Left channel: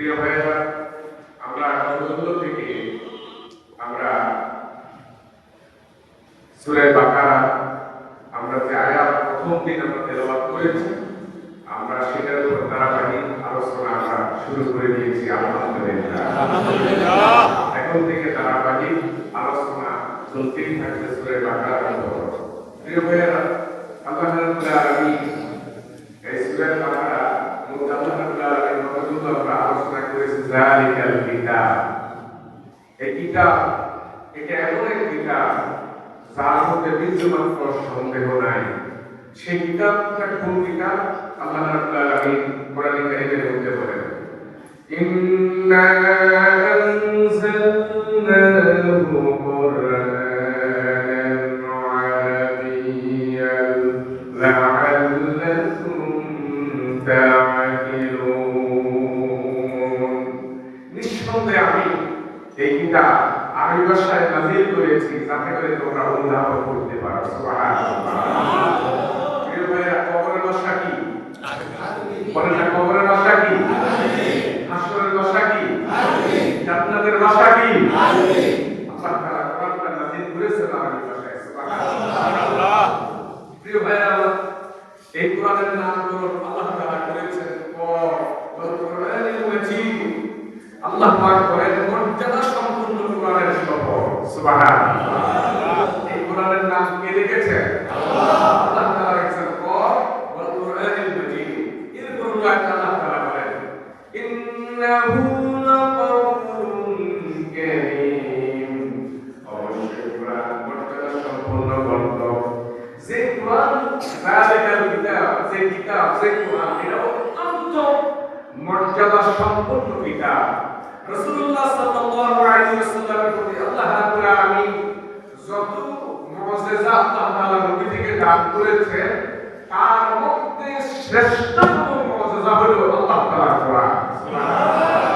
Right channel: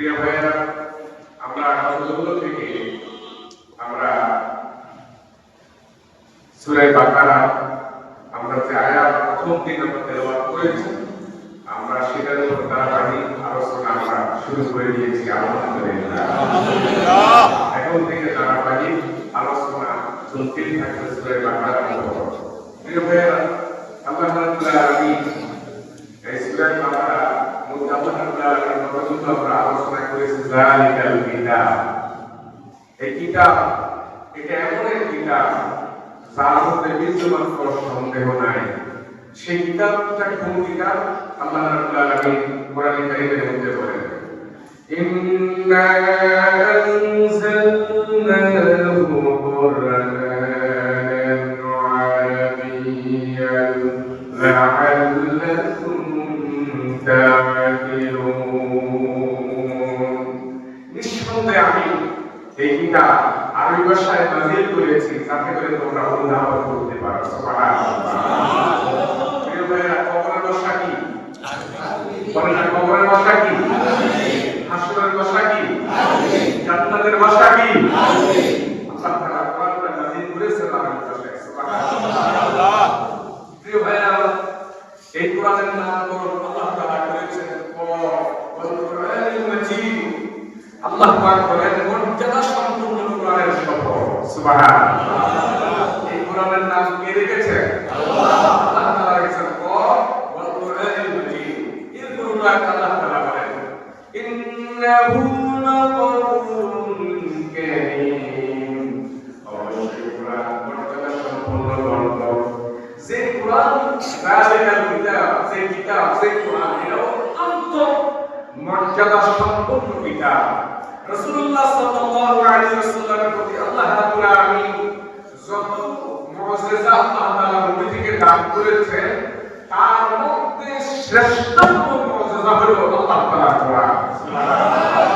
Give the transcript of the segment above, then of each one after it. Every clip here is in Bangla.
প্রিয় ভাইয়েরা, আমরা গতগুলো থেকে আমরা সূরা বাকারা আমরা যে আয়াত প্রথম দিন আমরা তেলাওয়াত করেছি, আমরা সেটার উপর ধারাবাহিক আলোচনা আমরা শুরু করে দিয়েছি। আলহামদুলিল্লাহ, এখন থেকে ধারাবাহিক আলোচনা চলতেই থাকবে সূরা বাকারার উপর। প্রিয় ভাইয়েরা, আল্লাহ রাব্বুল আলামিন এই সূরা বাকারা আমরা আলোচনা করেছি। যালিকাল কিতাব, এই কিতাব এটা এমন এক কিতাব যার মধ্যে বিন্দুমাত্র সন্দেহ নাই। সেই কিতাবটা কোন কিতাব? আল্লাহ রাব্বুল আলামিন কোরআনে কারীমের মধ্যে বলেন, ইন্না আনজালনাহু কুরআনান আরাবিয়্যান লাআল্লাকুম তা'কিলুন। নিঃসন্দেহে আমি এই কিতাব আরবি ভাষায় নাযিল করেছি যাতে করে তোমরা অনুধাবন করতে পারো। সুবহানাল্লাহ। প্রিয় ভাইরা, কবরের ভাষা কি? বলেন না, কবরের ভাষা কি? হাসরের ভাষা কি? জান্নাতের ভাষা কি? আল্লাহ তাআলা কোরআন নাযিল করেছেন আরবি ভাষায়। সুবহানাল্লাহ। প্রিয় ভাইরা, এই কোরআনের নামকরণ আল্লাহ তাআলা করেছেন কোরআনুল মাজিদ। আল্লাহ পাক বলেন মর্যাদা সম্পন্ন কোরআনের শপথ। সুবহানাল্লাহ। এই কোরআনের নাম কে রেখেছেন? আল্লাহ। আল্লাহ তাআলা রেখেছেন কোরআনুল মাজিদ। এর পরে আল্লাহ তাআলা বলেন ইন্নাহু লাকাওলুন কারীম। অবশ্যই কোরআন মর্যাদা সম্পন্ন গ্রন্থ। যে কোরআন যালিকাল কিতাব, যে কিতাব, যে কোরআন এটা অত্যন্ত মর্যাদা সম্পন্ন কিতাব। রাসূলুল্লাহ সাল্লাল্লাহু আলাইহি ওয়াসাল্লামের প্রতি আল্লাহ রাব্বুল আলামিন যত মুজিজা আল্লাহ তাআলা নবী থেকে দান করেছেন, তার মধ্যে শ্রেষ্ঠতম মুজিজা হলো আল্লাহ তাআলার কোরআন। সুবহানাল্লাহ।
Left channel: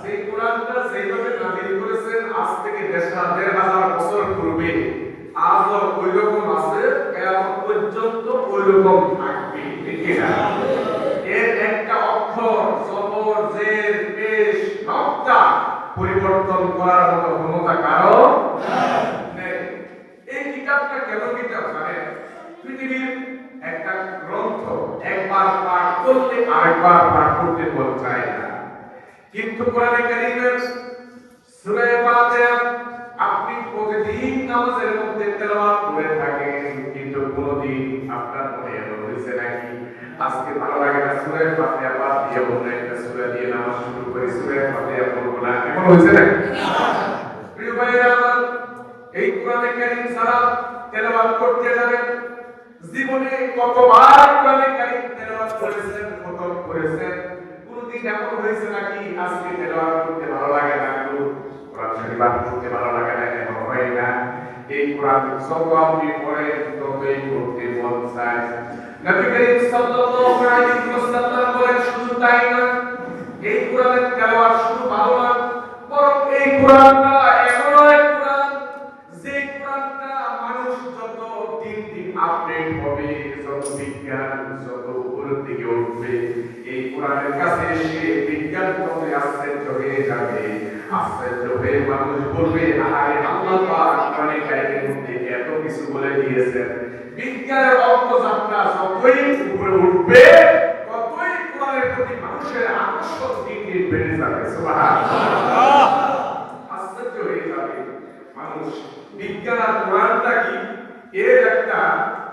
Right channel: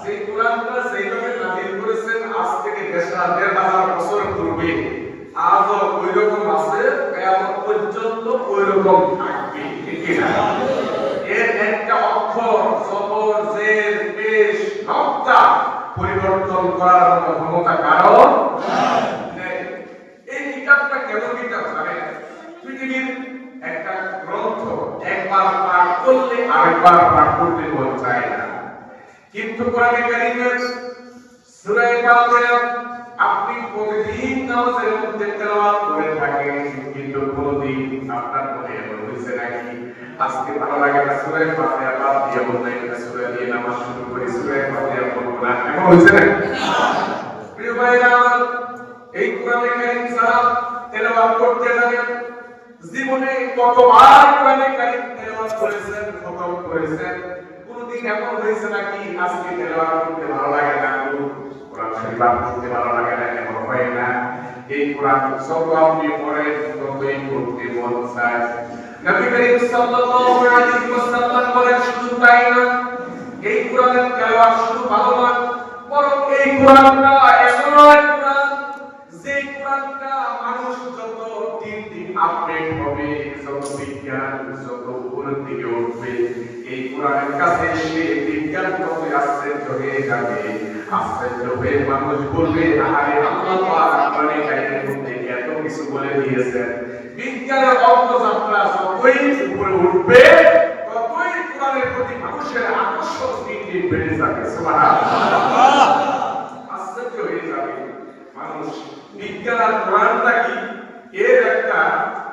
সেই কোরআনটা যেভাবে নাযিল করেছেন আজ থেকে ১৫০০ বছর পূর্বে, আজও ওই রকম আছে, কিয়ামত পর্যন্ত ওই রকম থাকবে। ঠিক না? এর একটা অক্ষর, জবর, জের, পেশ, নকতা পরিবর্তন করার মতো ক্ষমতা কারো নেই। এই কিতাবটা কেন কিতাব জানেন? পৃথিবীর একটা গ্রন্থ একবার পাঠ করলে আরেকবার পাঠ করতে মন চায় না, কিন্তু কোরআনে কারীমের সূরা ফাতিহা আপনি প্রতিদিন নামাজের মধ্যে তেলাওয়াত করে থাকেন, কিন্তু কোনদিন আপনার মনে হয়েছে নাকি আজকে ভালো লাগে না সূরা ফাতিহা বাদ দিয়ে অন্য একটা সূরা দিয়ে নামাজ শুরু করি, সূরা ফাতিহা পড়ব না, এমন হয়েছে না? প্রিয় ভাইরা, এই কোরআনে কারীম সারা তেলাওয়াত করতে যাবেন, জীবনে কতবার কোরআনে কারীম তেলাওয়াত করেছেন, খতম করেছেন, কোনদিন এমন হয়েছে নাকি আজকে তেলাওয়াত করতে ভালো লাগে না, কোরআন শরীফ পড়তে ভালো লাগে না? এমন হয় না। এই কোরআন যত আপনি পড়েন ততই পড়তে মন চায়। নবী করিম সাল্লাল্লাহু আলাইহি ওয়াসাল্লাম বলেন, শুধু তাই না, এই কোরআনের তেলাওয়াত শুধু ভালো না, বরং এই কোরআনটা এমন এক কোরআন, যে কোরআনটা মানুষ যত দিন দিন আপডেট হবে, যত বিজ্ঞান যত উপরের দিকে উঠবে, এই কোরআনের কাছে এসে বিজ্ঞান কত আশ্চর্য হয়ে যাবে। আশ্চর্য হয়ে মানুষ বলবে, আরে আল্লাহ পাক কোরআনে কারীমের মধ্যে এত কিছু বলে দিয়েছেন। বিজ্ঞানের অগ্রযাত্রা যতই উপরে উঠবে, ততই কোরআনের প্রতি মানুষের আকর্ষণ দিন দিন বেড়ে যাবে। সুবহানাল্লাহ। আশ্চর্য হয়ে যাবে মানুষ। বিজ্ঞান আর কোরআনটা কি, এর একটা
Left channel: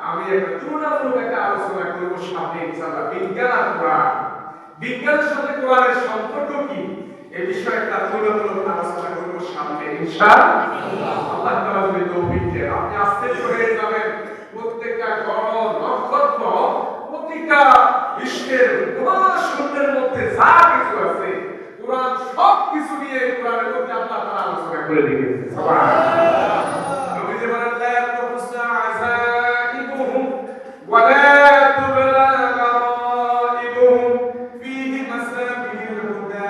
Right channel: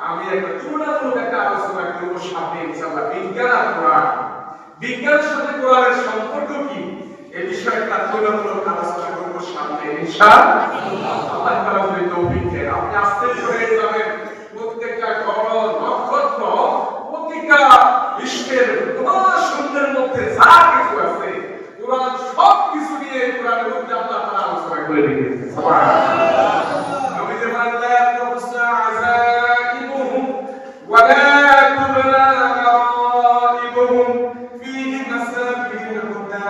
আমি একটা তুলনামূলক একটা আলোচনা করব সামনে ইনশাআল্লাহ। বিজ্ঞান আর কোরআন, বিজ্ঞানের সাথে কোরআনের সম্পর্ক কি, এই বিষয়ে একটা তুলনামূলক আলোচনা করব সামনে ইনশাআল্লাহ। আল্লাহ তাআলা যদি তৌফিক দেন, আপনি আশ্চর্য হয়ে যাবেন। প্রত্যেকটা গ্রহ, নক্ষত্র, প্রতিটা বিশ্বের মহাশূন্যের মধ্যে যা কিছু আছে, কোরআন সব কিছু নিয়ে কোরআনের মধ্যে আল্লাহ তাআলা আলোচনা করে রেখেছেন। সুবহানাল্লাহ। নবীজি বলেন, লা তুহসা আযাইবুহুম ওয়া লা তুবলা গারাইবুহুম ফীহি মাসাবিহুল হুদা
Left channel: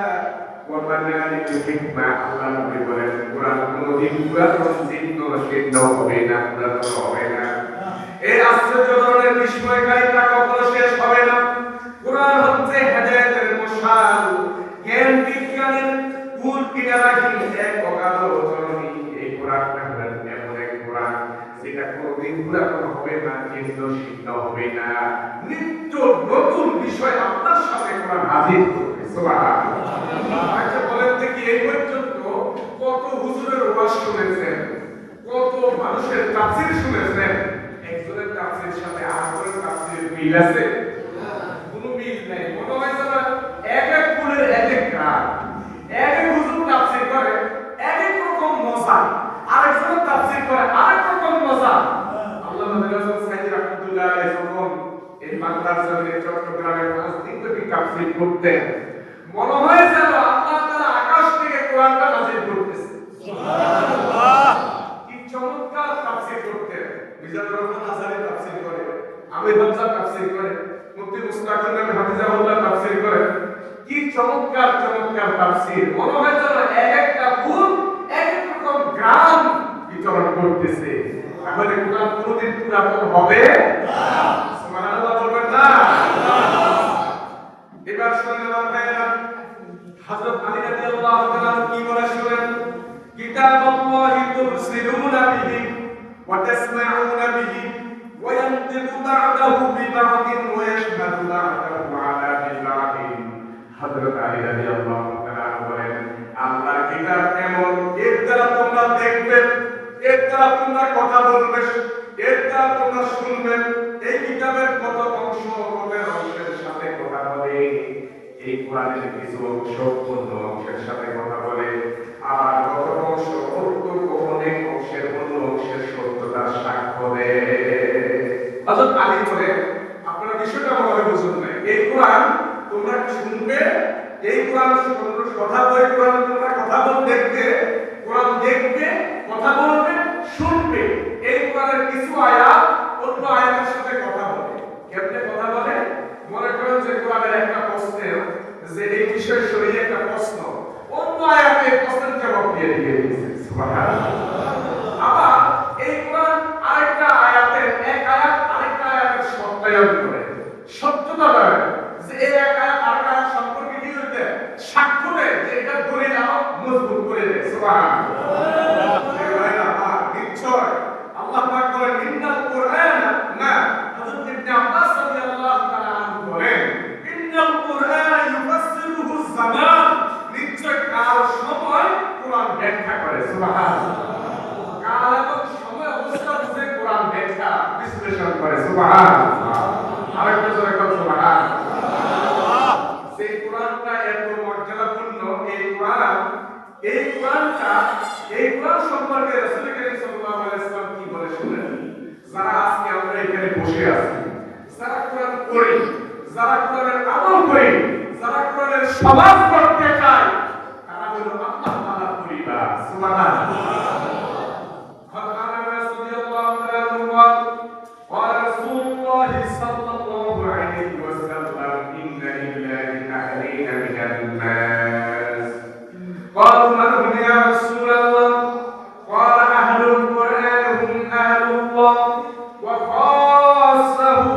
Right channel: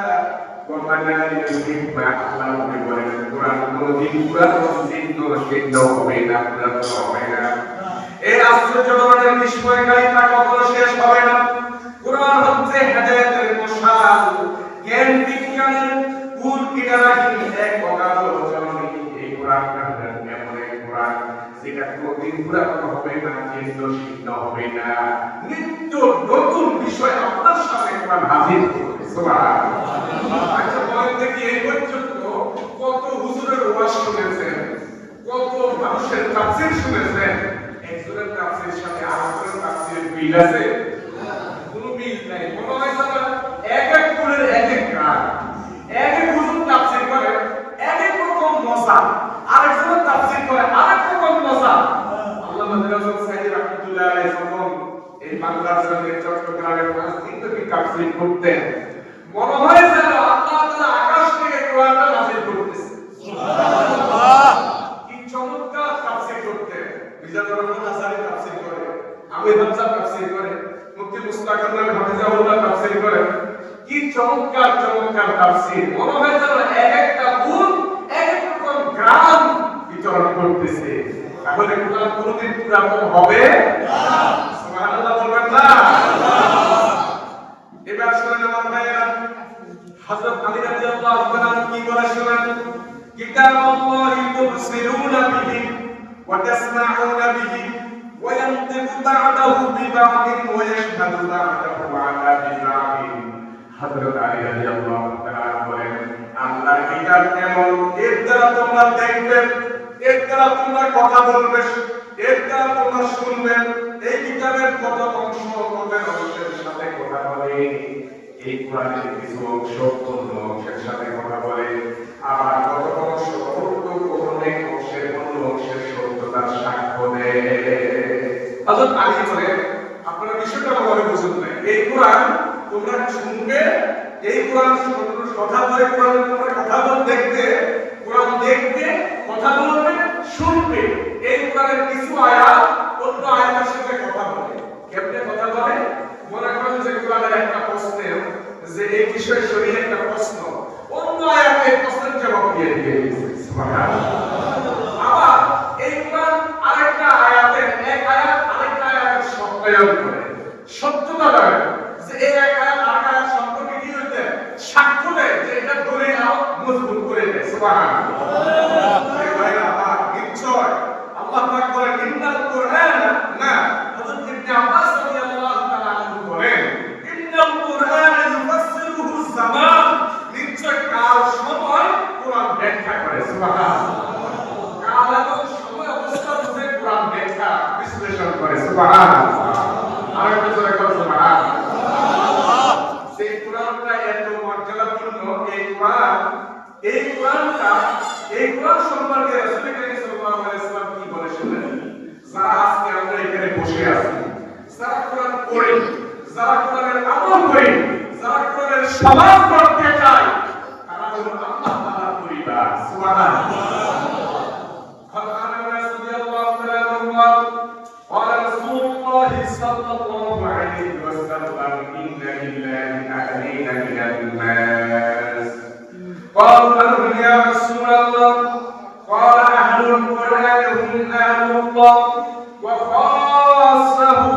ওয়া মানারিকুল হিকমা। আল্লাহ নবী বলেন, কোরআন কোনদিন পুরা চিহ্ন চিহ্ন হবে না, পুরাতন হবে না। এই আশ্চর্য ধরনের বিস্ময়কারিতা কখনো শেষ হবে না। কোরআন হচ্ছে হেদায়েতের মশাল, জ্ঞান বিজ্ঞানের কুল কিনারা কি এক অগাধ জননী এই কোরআনটা এমন এক কোরআন যেটা কোনদিন পুরানো হবে না, জীর্ণ শীর্ণ হবে না, নিত্য নতুন বিষয় আপনার সামনে কোরআন হাজির করবে। সুবহানাল্লাহ। আচ্ছা বলেন দেখি এই পর্যন্ত কত হুজুরের ওয়াজ শুনেছেন, কত মানুষের তাফসীর শুনেছেন, একজনের তাফসীরের সাথে আরেকজনের তাফসীরের মিল আছে? কোনো মিল নাই। মনে হয় যেন এক এক কুলের এক এক গান, এক এক হুজুর তাফসীর করে এক এক রকম মজা, আরেকজনের তাফসীর করে আরেক রকম মজা। আল্লামা দিলওয়ার সাইদি রাহমাতুল্লাহ আলাইহি যখন এই বাংলার জন্য চট্টগ্রামে 5 দিন ধরে তাফসীর করতেন, মনে হয় যেন আল্লাহ তাআলা আকাশ থেকে কোরআনটা নাযিল করতেছে। সুবহানাল্লাহ। কি চমৎকার তাফসীর করতেন। মিজানুর রহমান আজহারি তাফসীর করে, আমির হামজা তাফসীর করে, মুফতি মুস্তাকিম হাফিজাহুল্লাহ তাফসীর করে। কি চমৎকার চমৎকার তাফসীর। মনে হয় যেন এক একটা ফুল এক এক রকম গান বিতরণ করতেছে। তাহলে কোরআন কোনদিন পুরাতন হবে না। সুবহানাল্লাহ বলবেন না? এবার শুনেন আমার ভাইরা, হযরত আলী রাদিয়াল্লাহু তাআলা কি বলে শুনেন, কিতাবুল্লাহি তুবসিরুনা বিহি ওয়া তাসমাউনা বিহি ওয়া ইয়ানতিকু বা'দাহু বিবা'দিন ওয়া ইয়াশহাদু বা'দাহু আলা বিবা'দিন। হযরত আলী রাদিয়াল্লাহু তাআলা বলেন, আল্লাহর কিতাব এমন, এর দ্বারা তোমরা দেখবে, এর দ্বারা তোমরা কথা বলবে, এর দ্বারা তোমরা শুনবে। এই কিতাবের কত অংশ কবের অংশের সাথে কথা বলে, এই কোরআনের কিছু অংশ অন্য অংশের সাথে কথা বলে, আবার কত অংশ অনেক অংশের অন্য অংশের সত্যতার সাক্ষ্য দেয়। হযরত আলী বলেন, আপনারা বিষয়টা ভালোভাবে বুঝুন না, এই কোরআন তোমরা শুনবে, এই কোরআন কথা বলে, কোরআন তোমরা কথা বল দেখবে, কোরআন দেখবে, কথা বলবে, শুনবে। এই কোরআনের কিছু আয়াত অন্য আয়াতের সাথে কথা বলে। কেমনে কথা বলে? মনে করেন যে কোরআনের একটা প্রশ্নের যে এই বিষয় শরীরে একটা প্রশ্ন, অন্য আয়াতে এই প্রশ্নের জবাব দিয়ে দিয়েছে। সুবহানাল্লাহ। আবার এই কোরআন আরেকটা আয়াতের এক আয়াত আরেকটা আয়াতের সত্যায়ন করে, সত্যতা দেয়, যে এই এক আয়াত আরেকটা আয়াত সম্পর্কে কি হইতে সাক্ষ্য দেয়, যে এটা দলিল আরো মজবুত করে দেয়। সুবহানাল্লাহ। এই ভাইরা আমার নিশ্চয় আল্লাহ পাক বলেন, ইন্নাল কুরআন, না হযরত ইবনে আব্বাস রাদিয়াল্লাহু তাআলা আনহু বলেন, ইন্নাল কুরআন ইউফাসসিরুহু যামান, নিশ্চয় কাল সময় কোরআন ব্যাখ্যা করে। সুবহানাল্লাহ। কাল এবং সময় অবস্থা বুঝে কোরআন ব্যাখ্যা বিশ্লেষণ করে। সুবহানাল্লাহ। আরেকটা জোরে বল সুবহানাল্লাহ। সেই কোরআনটা এত মর্যাদাপূর্ণ, এই কোরআন সম্পর্কে রাসূল কারীম সাল্লাল্লাহু আলাইহি ওয়াসাল্লাম কি বলে শুনেন। যারা আজকে আমরা এখানে বসে আছি, যারা কোরআন পড়ি, যারা কোরআনের আমল করি, যারা কোরআনের সমাজ করতে চায়, তারা হলো আল্লাহ তাআলার পরিবার। সুবহানাল্লাহ। قال رسول الله صلى الله عليه وسلم إن لله أهلين من الناس. قالوا من هم يا رسول الله؟ قال أهل القرآن هم أهل الله وخاصته.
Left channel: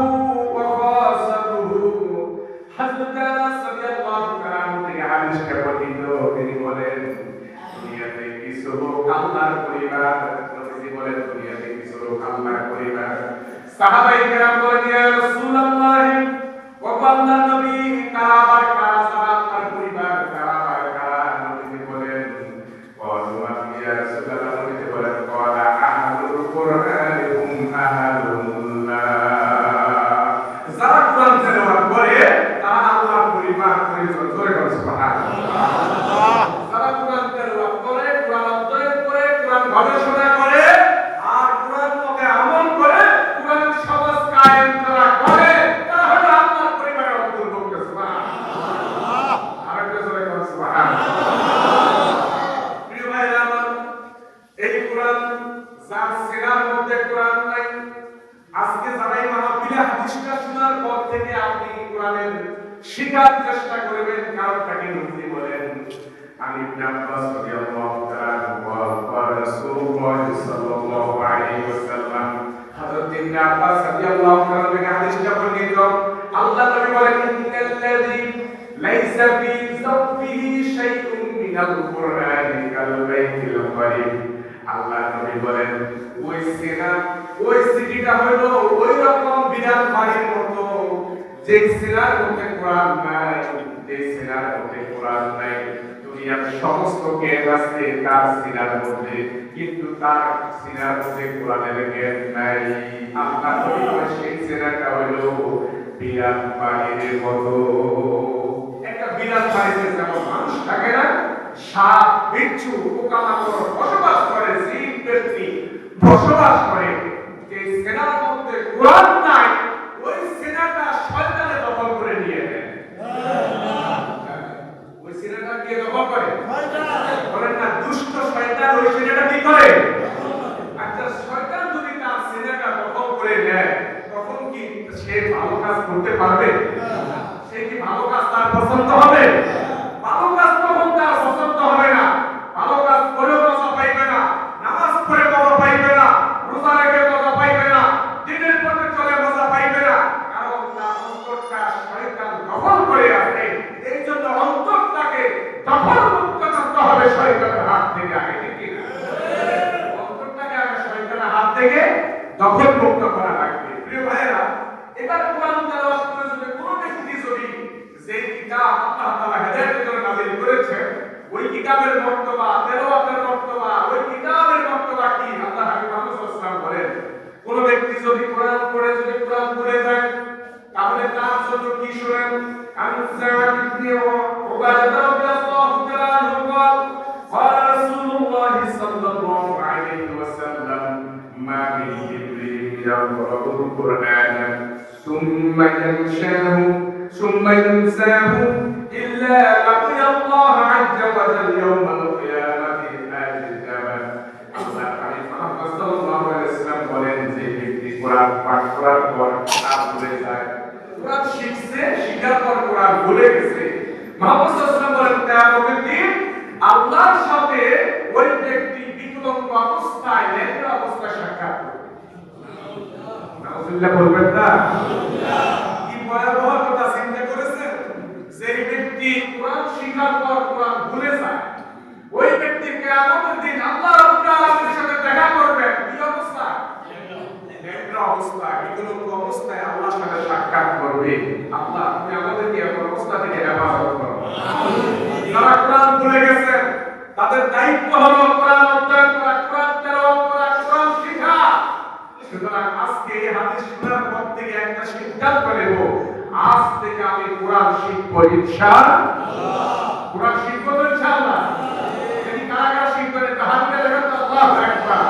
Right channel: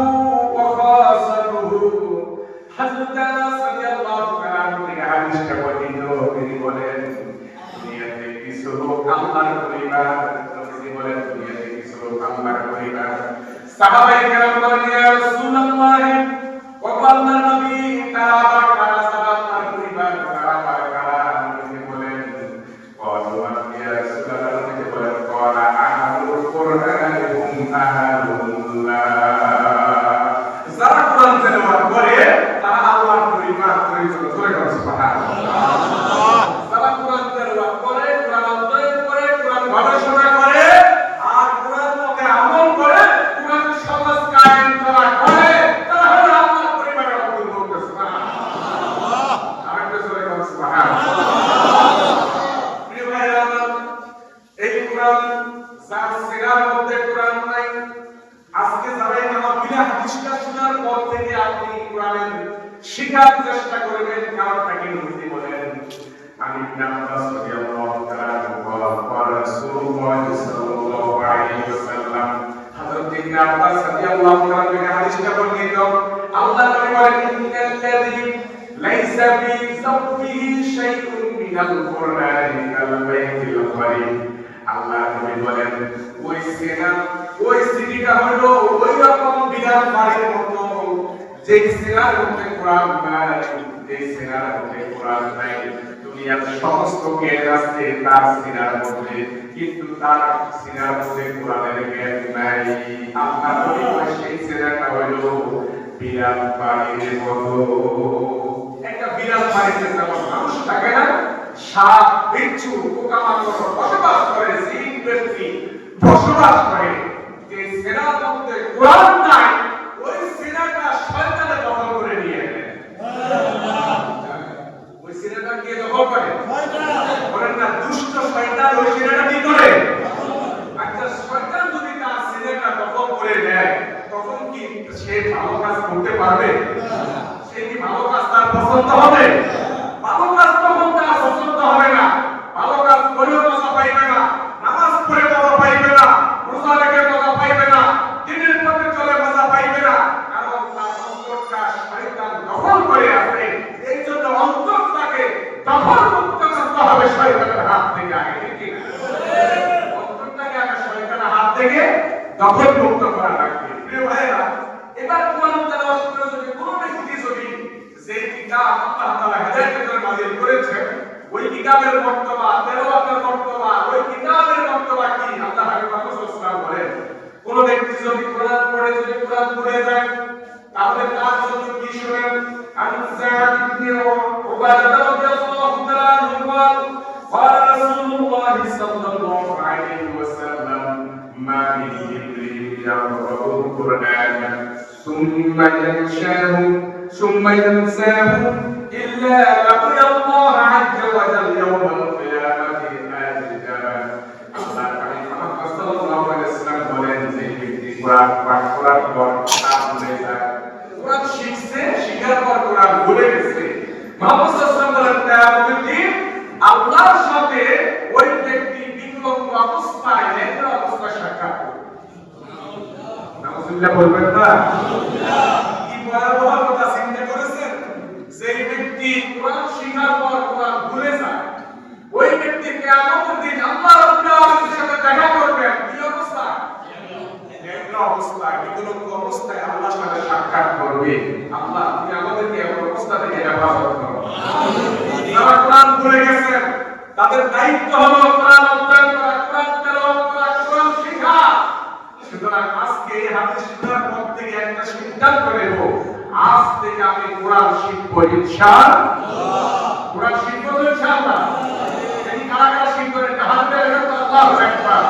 حضرت أنس رضي الله تعالى عنه থেকে হাদিসটা বর্ণিত, তিনি বলেন, দুনিয়াতে কিছু লোক আল্লাহর পরিবার, তিনি বলেন দুনিয়াতে কিছু লোক আল্লাহর পরিবার। সাহাবায়ে কেরাম বলেন, ইয়া রাসূলুল্লাহ, ও আল্লাহর নবী, তারা কারা? আল্লাহর পরিবার কারা? তিনি বলেন, ইয়া রাসূলুল্লাহ, তিনি বলেন, ক্বালা আহলুল কুরআন হুম আহলুল্লাহ। যারা কোরআন তেলাওয়াত করে তারা আল্লাহর পরিবার। সুবহানাল্লাহ। যারা কোরআন তেলাওয়াত করে, কোরআন অধ্যয়ন করে, কোরআন গবেষণা করে, আর কোরআন মতে আমল করে, কোরআন সমাজ কায়েম করা করে, তারা হলো আল্লাহর পরিবারের অন্তর্ভুক্ত। সুবহানাল্লাহ। আরেকটা জোরে বলুন সুবহানাল্লাহ। প্রিয় ভাইরা আমার, এই কোরআন যার সিরার মধ্যে কোরআন নাই, আজকে যারা এই মাহফিলে হাদিসটা শোনার পর থেকে আপনি কোরআনের শিখার চেষ্টা করবেন, কারণটা কি বুঝতে বলেন। আমি ইবনে আব্বাস রাদিয়াল্লাহু তাআলা قال رسول الله صلى الله عليه وسلم, হযরত ইবনে আব্বাস রাদিয়াল্লাহু তাআলা থেকে হাদিসটা বর্ণিত, আল্লাহ নবী বলেন, ইন্নাল্লাযী লাইসা ফি যাওফিহি শাইউন মিনাল কুরআনি কাল বাইতিল করিম। আল্লাহ নবী বলেন ওই সিনা ওই সিটিটা হলো ওই রকম বিরাট বাড়ির মতো যে সিনার মধ্যে কোরআন নাই, যে সিনার মধ্যে কোরআন নাই। দুনিয়ার সমস্ত জ্ঞান আছে তার সিনার মধ্যে, কিন্তু তার সিনার মধ্যে কোরআনের জ্ঞান নাই। আল্লাহ নবী বলেন সেই সিনাটা হলো বিরাট বাড়ির মতো। একটা বিরাট বাড়িতে যেমন মানুষ থাকে না, সাপ বিচ্ছু পোকামাকড় বসবাস করে, জিন ব্যক্তি বসবাস করে, যে সেনার মধ্যে কোরআন নাই ওই সেনাটা শয়তানে দখল করে নিয়ে নেয়। ওই সেনাটা কে দখল করে? বলেন না, দুষ্ট শয়তান ওই সেনাটা কি করে? আচ্ছা, শয়তান যদি তার সেনাটা দখল করে নেয় তখন কি সে ভালো কাজ করতে পারবে? সে কি ভালো কাজ তার পছন্দ হবে? ভালো কাজ তখন তার পছন্দ হবে না। ভালো কাজ করেও মজা পাইবে না, নামাজ পড়ে মজা পাইবে না, রোজা রেখে মজা পাইবে না, দিনের পথে চলে মজা পাইবে না, কারণ তার অন্তরটা শয়তান দখল করে আছে। এই জন্য অন্তরটাকে দখল মুক্ত করতে হবে শয়তানের হাত থেকে। আগে ঠিক না? অন্তরটাকে আগে শয়তানের হাত থেকে দখল মুক্ত করা লাগবে। প্রিয় ভাইরা, এবার কোরআন তেলাওয়াত করে যদি কোনো ব্যক্তি যদি যে কিতাব আল্লাহ তাআলা হেদায়েতের জন্য নাযিল করেছেন ওই কিতাবের মর্তবা, তেলাওয়াতের মর্তবা, ওই কিতাবের মর্তবা কি? আল্লাহ হাবিব মুহাম্মদ সাল্লাল্লাহু আলাইহি ওয়াসাল্লাম বলেন, কোন ব্যক্তি যদি কোরআন পড়ে যদি কোরআন পড়ে যায় তাহলে তার জন্য কি? শুনেন, আন যায়েদ ইবনে উবাদা রাদিয়াল্লাহু তাআলা আনহু বলেন, قال رسول الله صلى الله عليه وسلم ما من جبريل يقرأ القرآن ثم ينساه إلا لقي الله عز وجل يوم القيامة آجدا। আল্লাহ পাক মুহাম্মদ সাল্লাল্লাহু আলাইহি ওয়াসাল্লাম বলেন, যে ব্যক্তি কোরআন পাঠ করার পর কোরআন ভুলে যায়, কোরআন শিখছে, শিখার পর কোরআন ভুলে গেছে, মুহাম্মদ সাল্লাল্লাহু আলাইহি ওয়াসাল্লাম বলেন কিয়ামতের দিন আল্লাহর সাথে ওই ব্যক্তি বিকলঙ্গ অবস্থায়, লেখা অবস্থায় সাক্ষাৎ করবে। নাউজুবিল্লাহ বলবেন না? কি ভয়াবহ কথা চিন্তা করেছেন? যে ব্যক্তি কোরআন শিখার পর কোরআন ভুলে যায় ওই ব্যক্তি কিয়ামতের দিন আল্লাহ রাব্বুল আলামিনের সাথে দেখা করবেন। কি অবস্থা? লেখা অবস্থায়, বিকলঙ্গ অবস্থায় আল্লাহর সাথে সাক্ষাৎ করবে। আল্লাহ তুমি আমাদেরকে এই অবস্থা থেকে হেফাজত করো। যারা কোরআন ভুলে গেছেন তাদের দায়িত্ব হলো কোরআন অধ্যয়ন করা, কোরআন তেলাওয়াত করা, কোরআন শেখা। সুতরাং আজকে এই হাদিস শোনার পর থেকে একটা সিদ্ধান্ত নেব, আজ থেকে আমি কোরআন শিখবো ইনশাআল্লাহ। কোরআন শিখবো তো ইনশাআল্লাহ। যদি কারা কারা শিখবেন একটা হাত দিয়ে লেখেন তো আল্লাহু আকবার।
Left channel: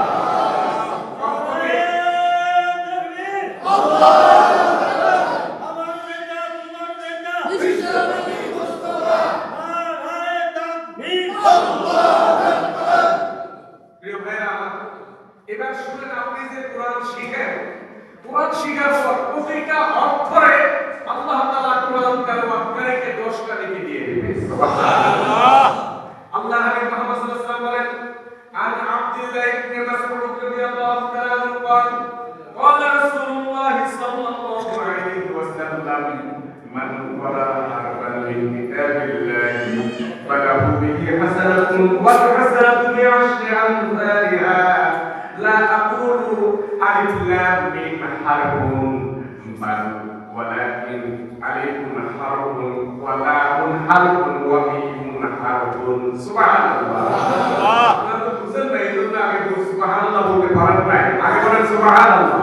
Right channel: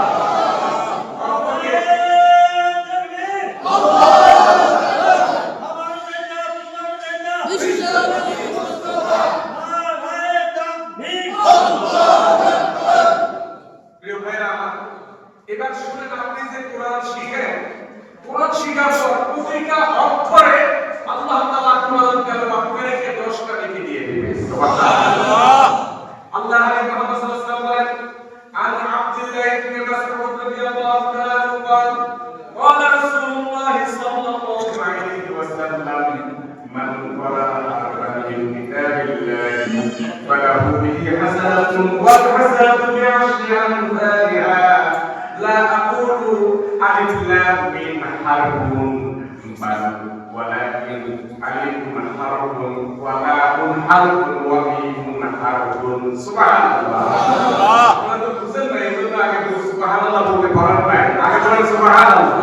এবার শুনেন, আপনি যে কোরআন শিখেন, কোরআন শিখার পর প্রতিটা অক্ষরে আল্লাহ তাআলা কোরআন তেলাওয়াতকারীকে 10টা নেকি দিয়ে দিবেন। সুবহানাল্লাহ। আল্লাহ নবী মুহাম্মদ সাল্লাল্লাহু আলাইহি ওয়াসাল্লাম বলেন, আন আব্দুল্লাহ ইবনে মাসউদ রাদিয়াল্লাহু তাআলা আনহু قال قال رسول الله صلى الله عليه وسلم من قرأ حرفا من كتاب الله فله به حسنة والحسنة بعشر أمثالها لا أقول ألف لام ميم حرف بل ولكن ألف حرف ولام حرف وميم حرف سبحان الله। আপনারা বুঝেন না, এই জন্য আগে সুবহানাল্লাহ বলতে পারেন না, আগে বলেন সুবহানাল্লাহ।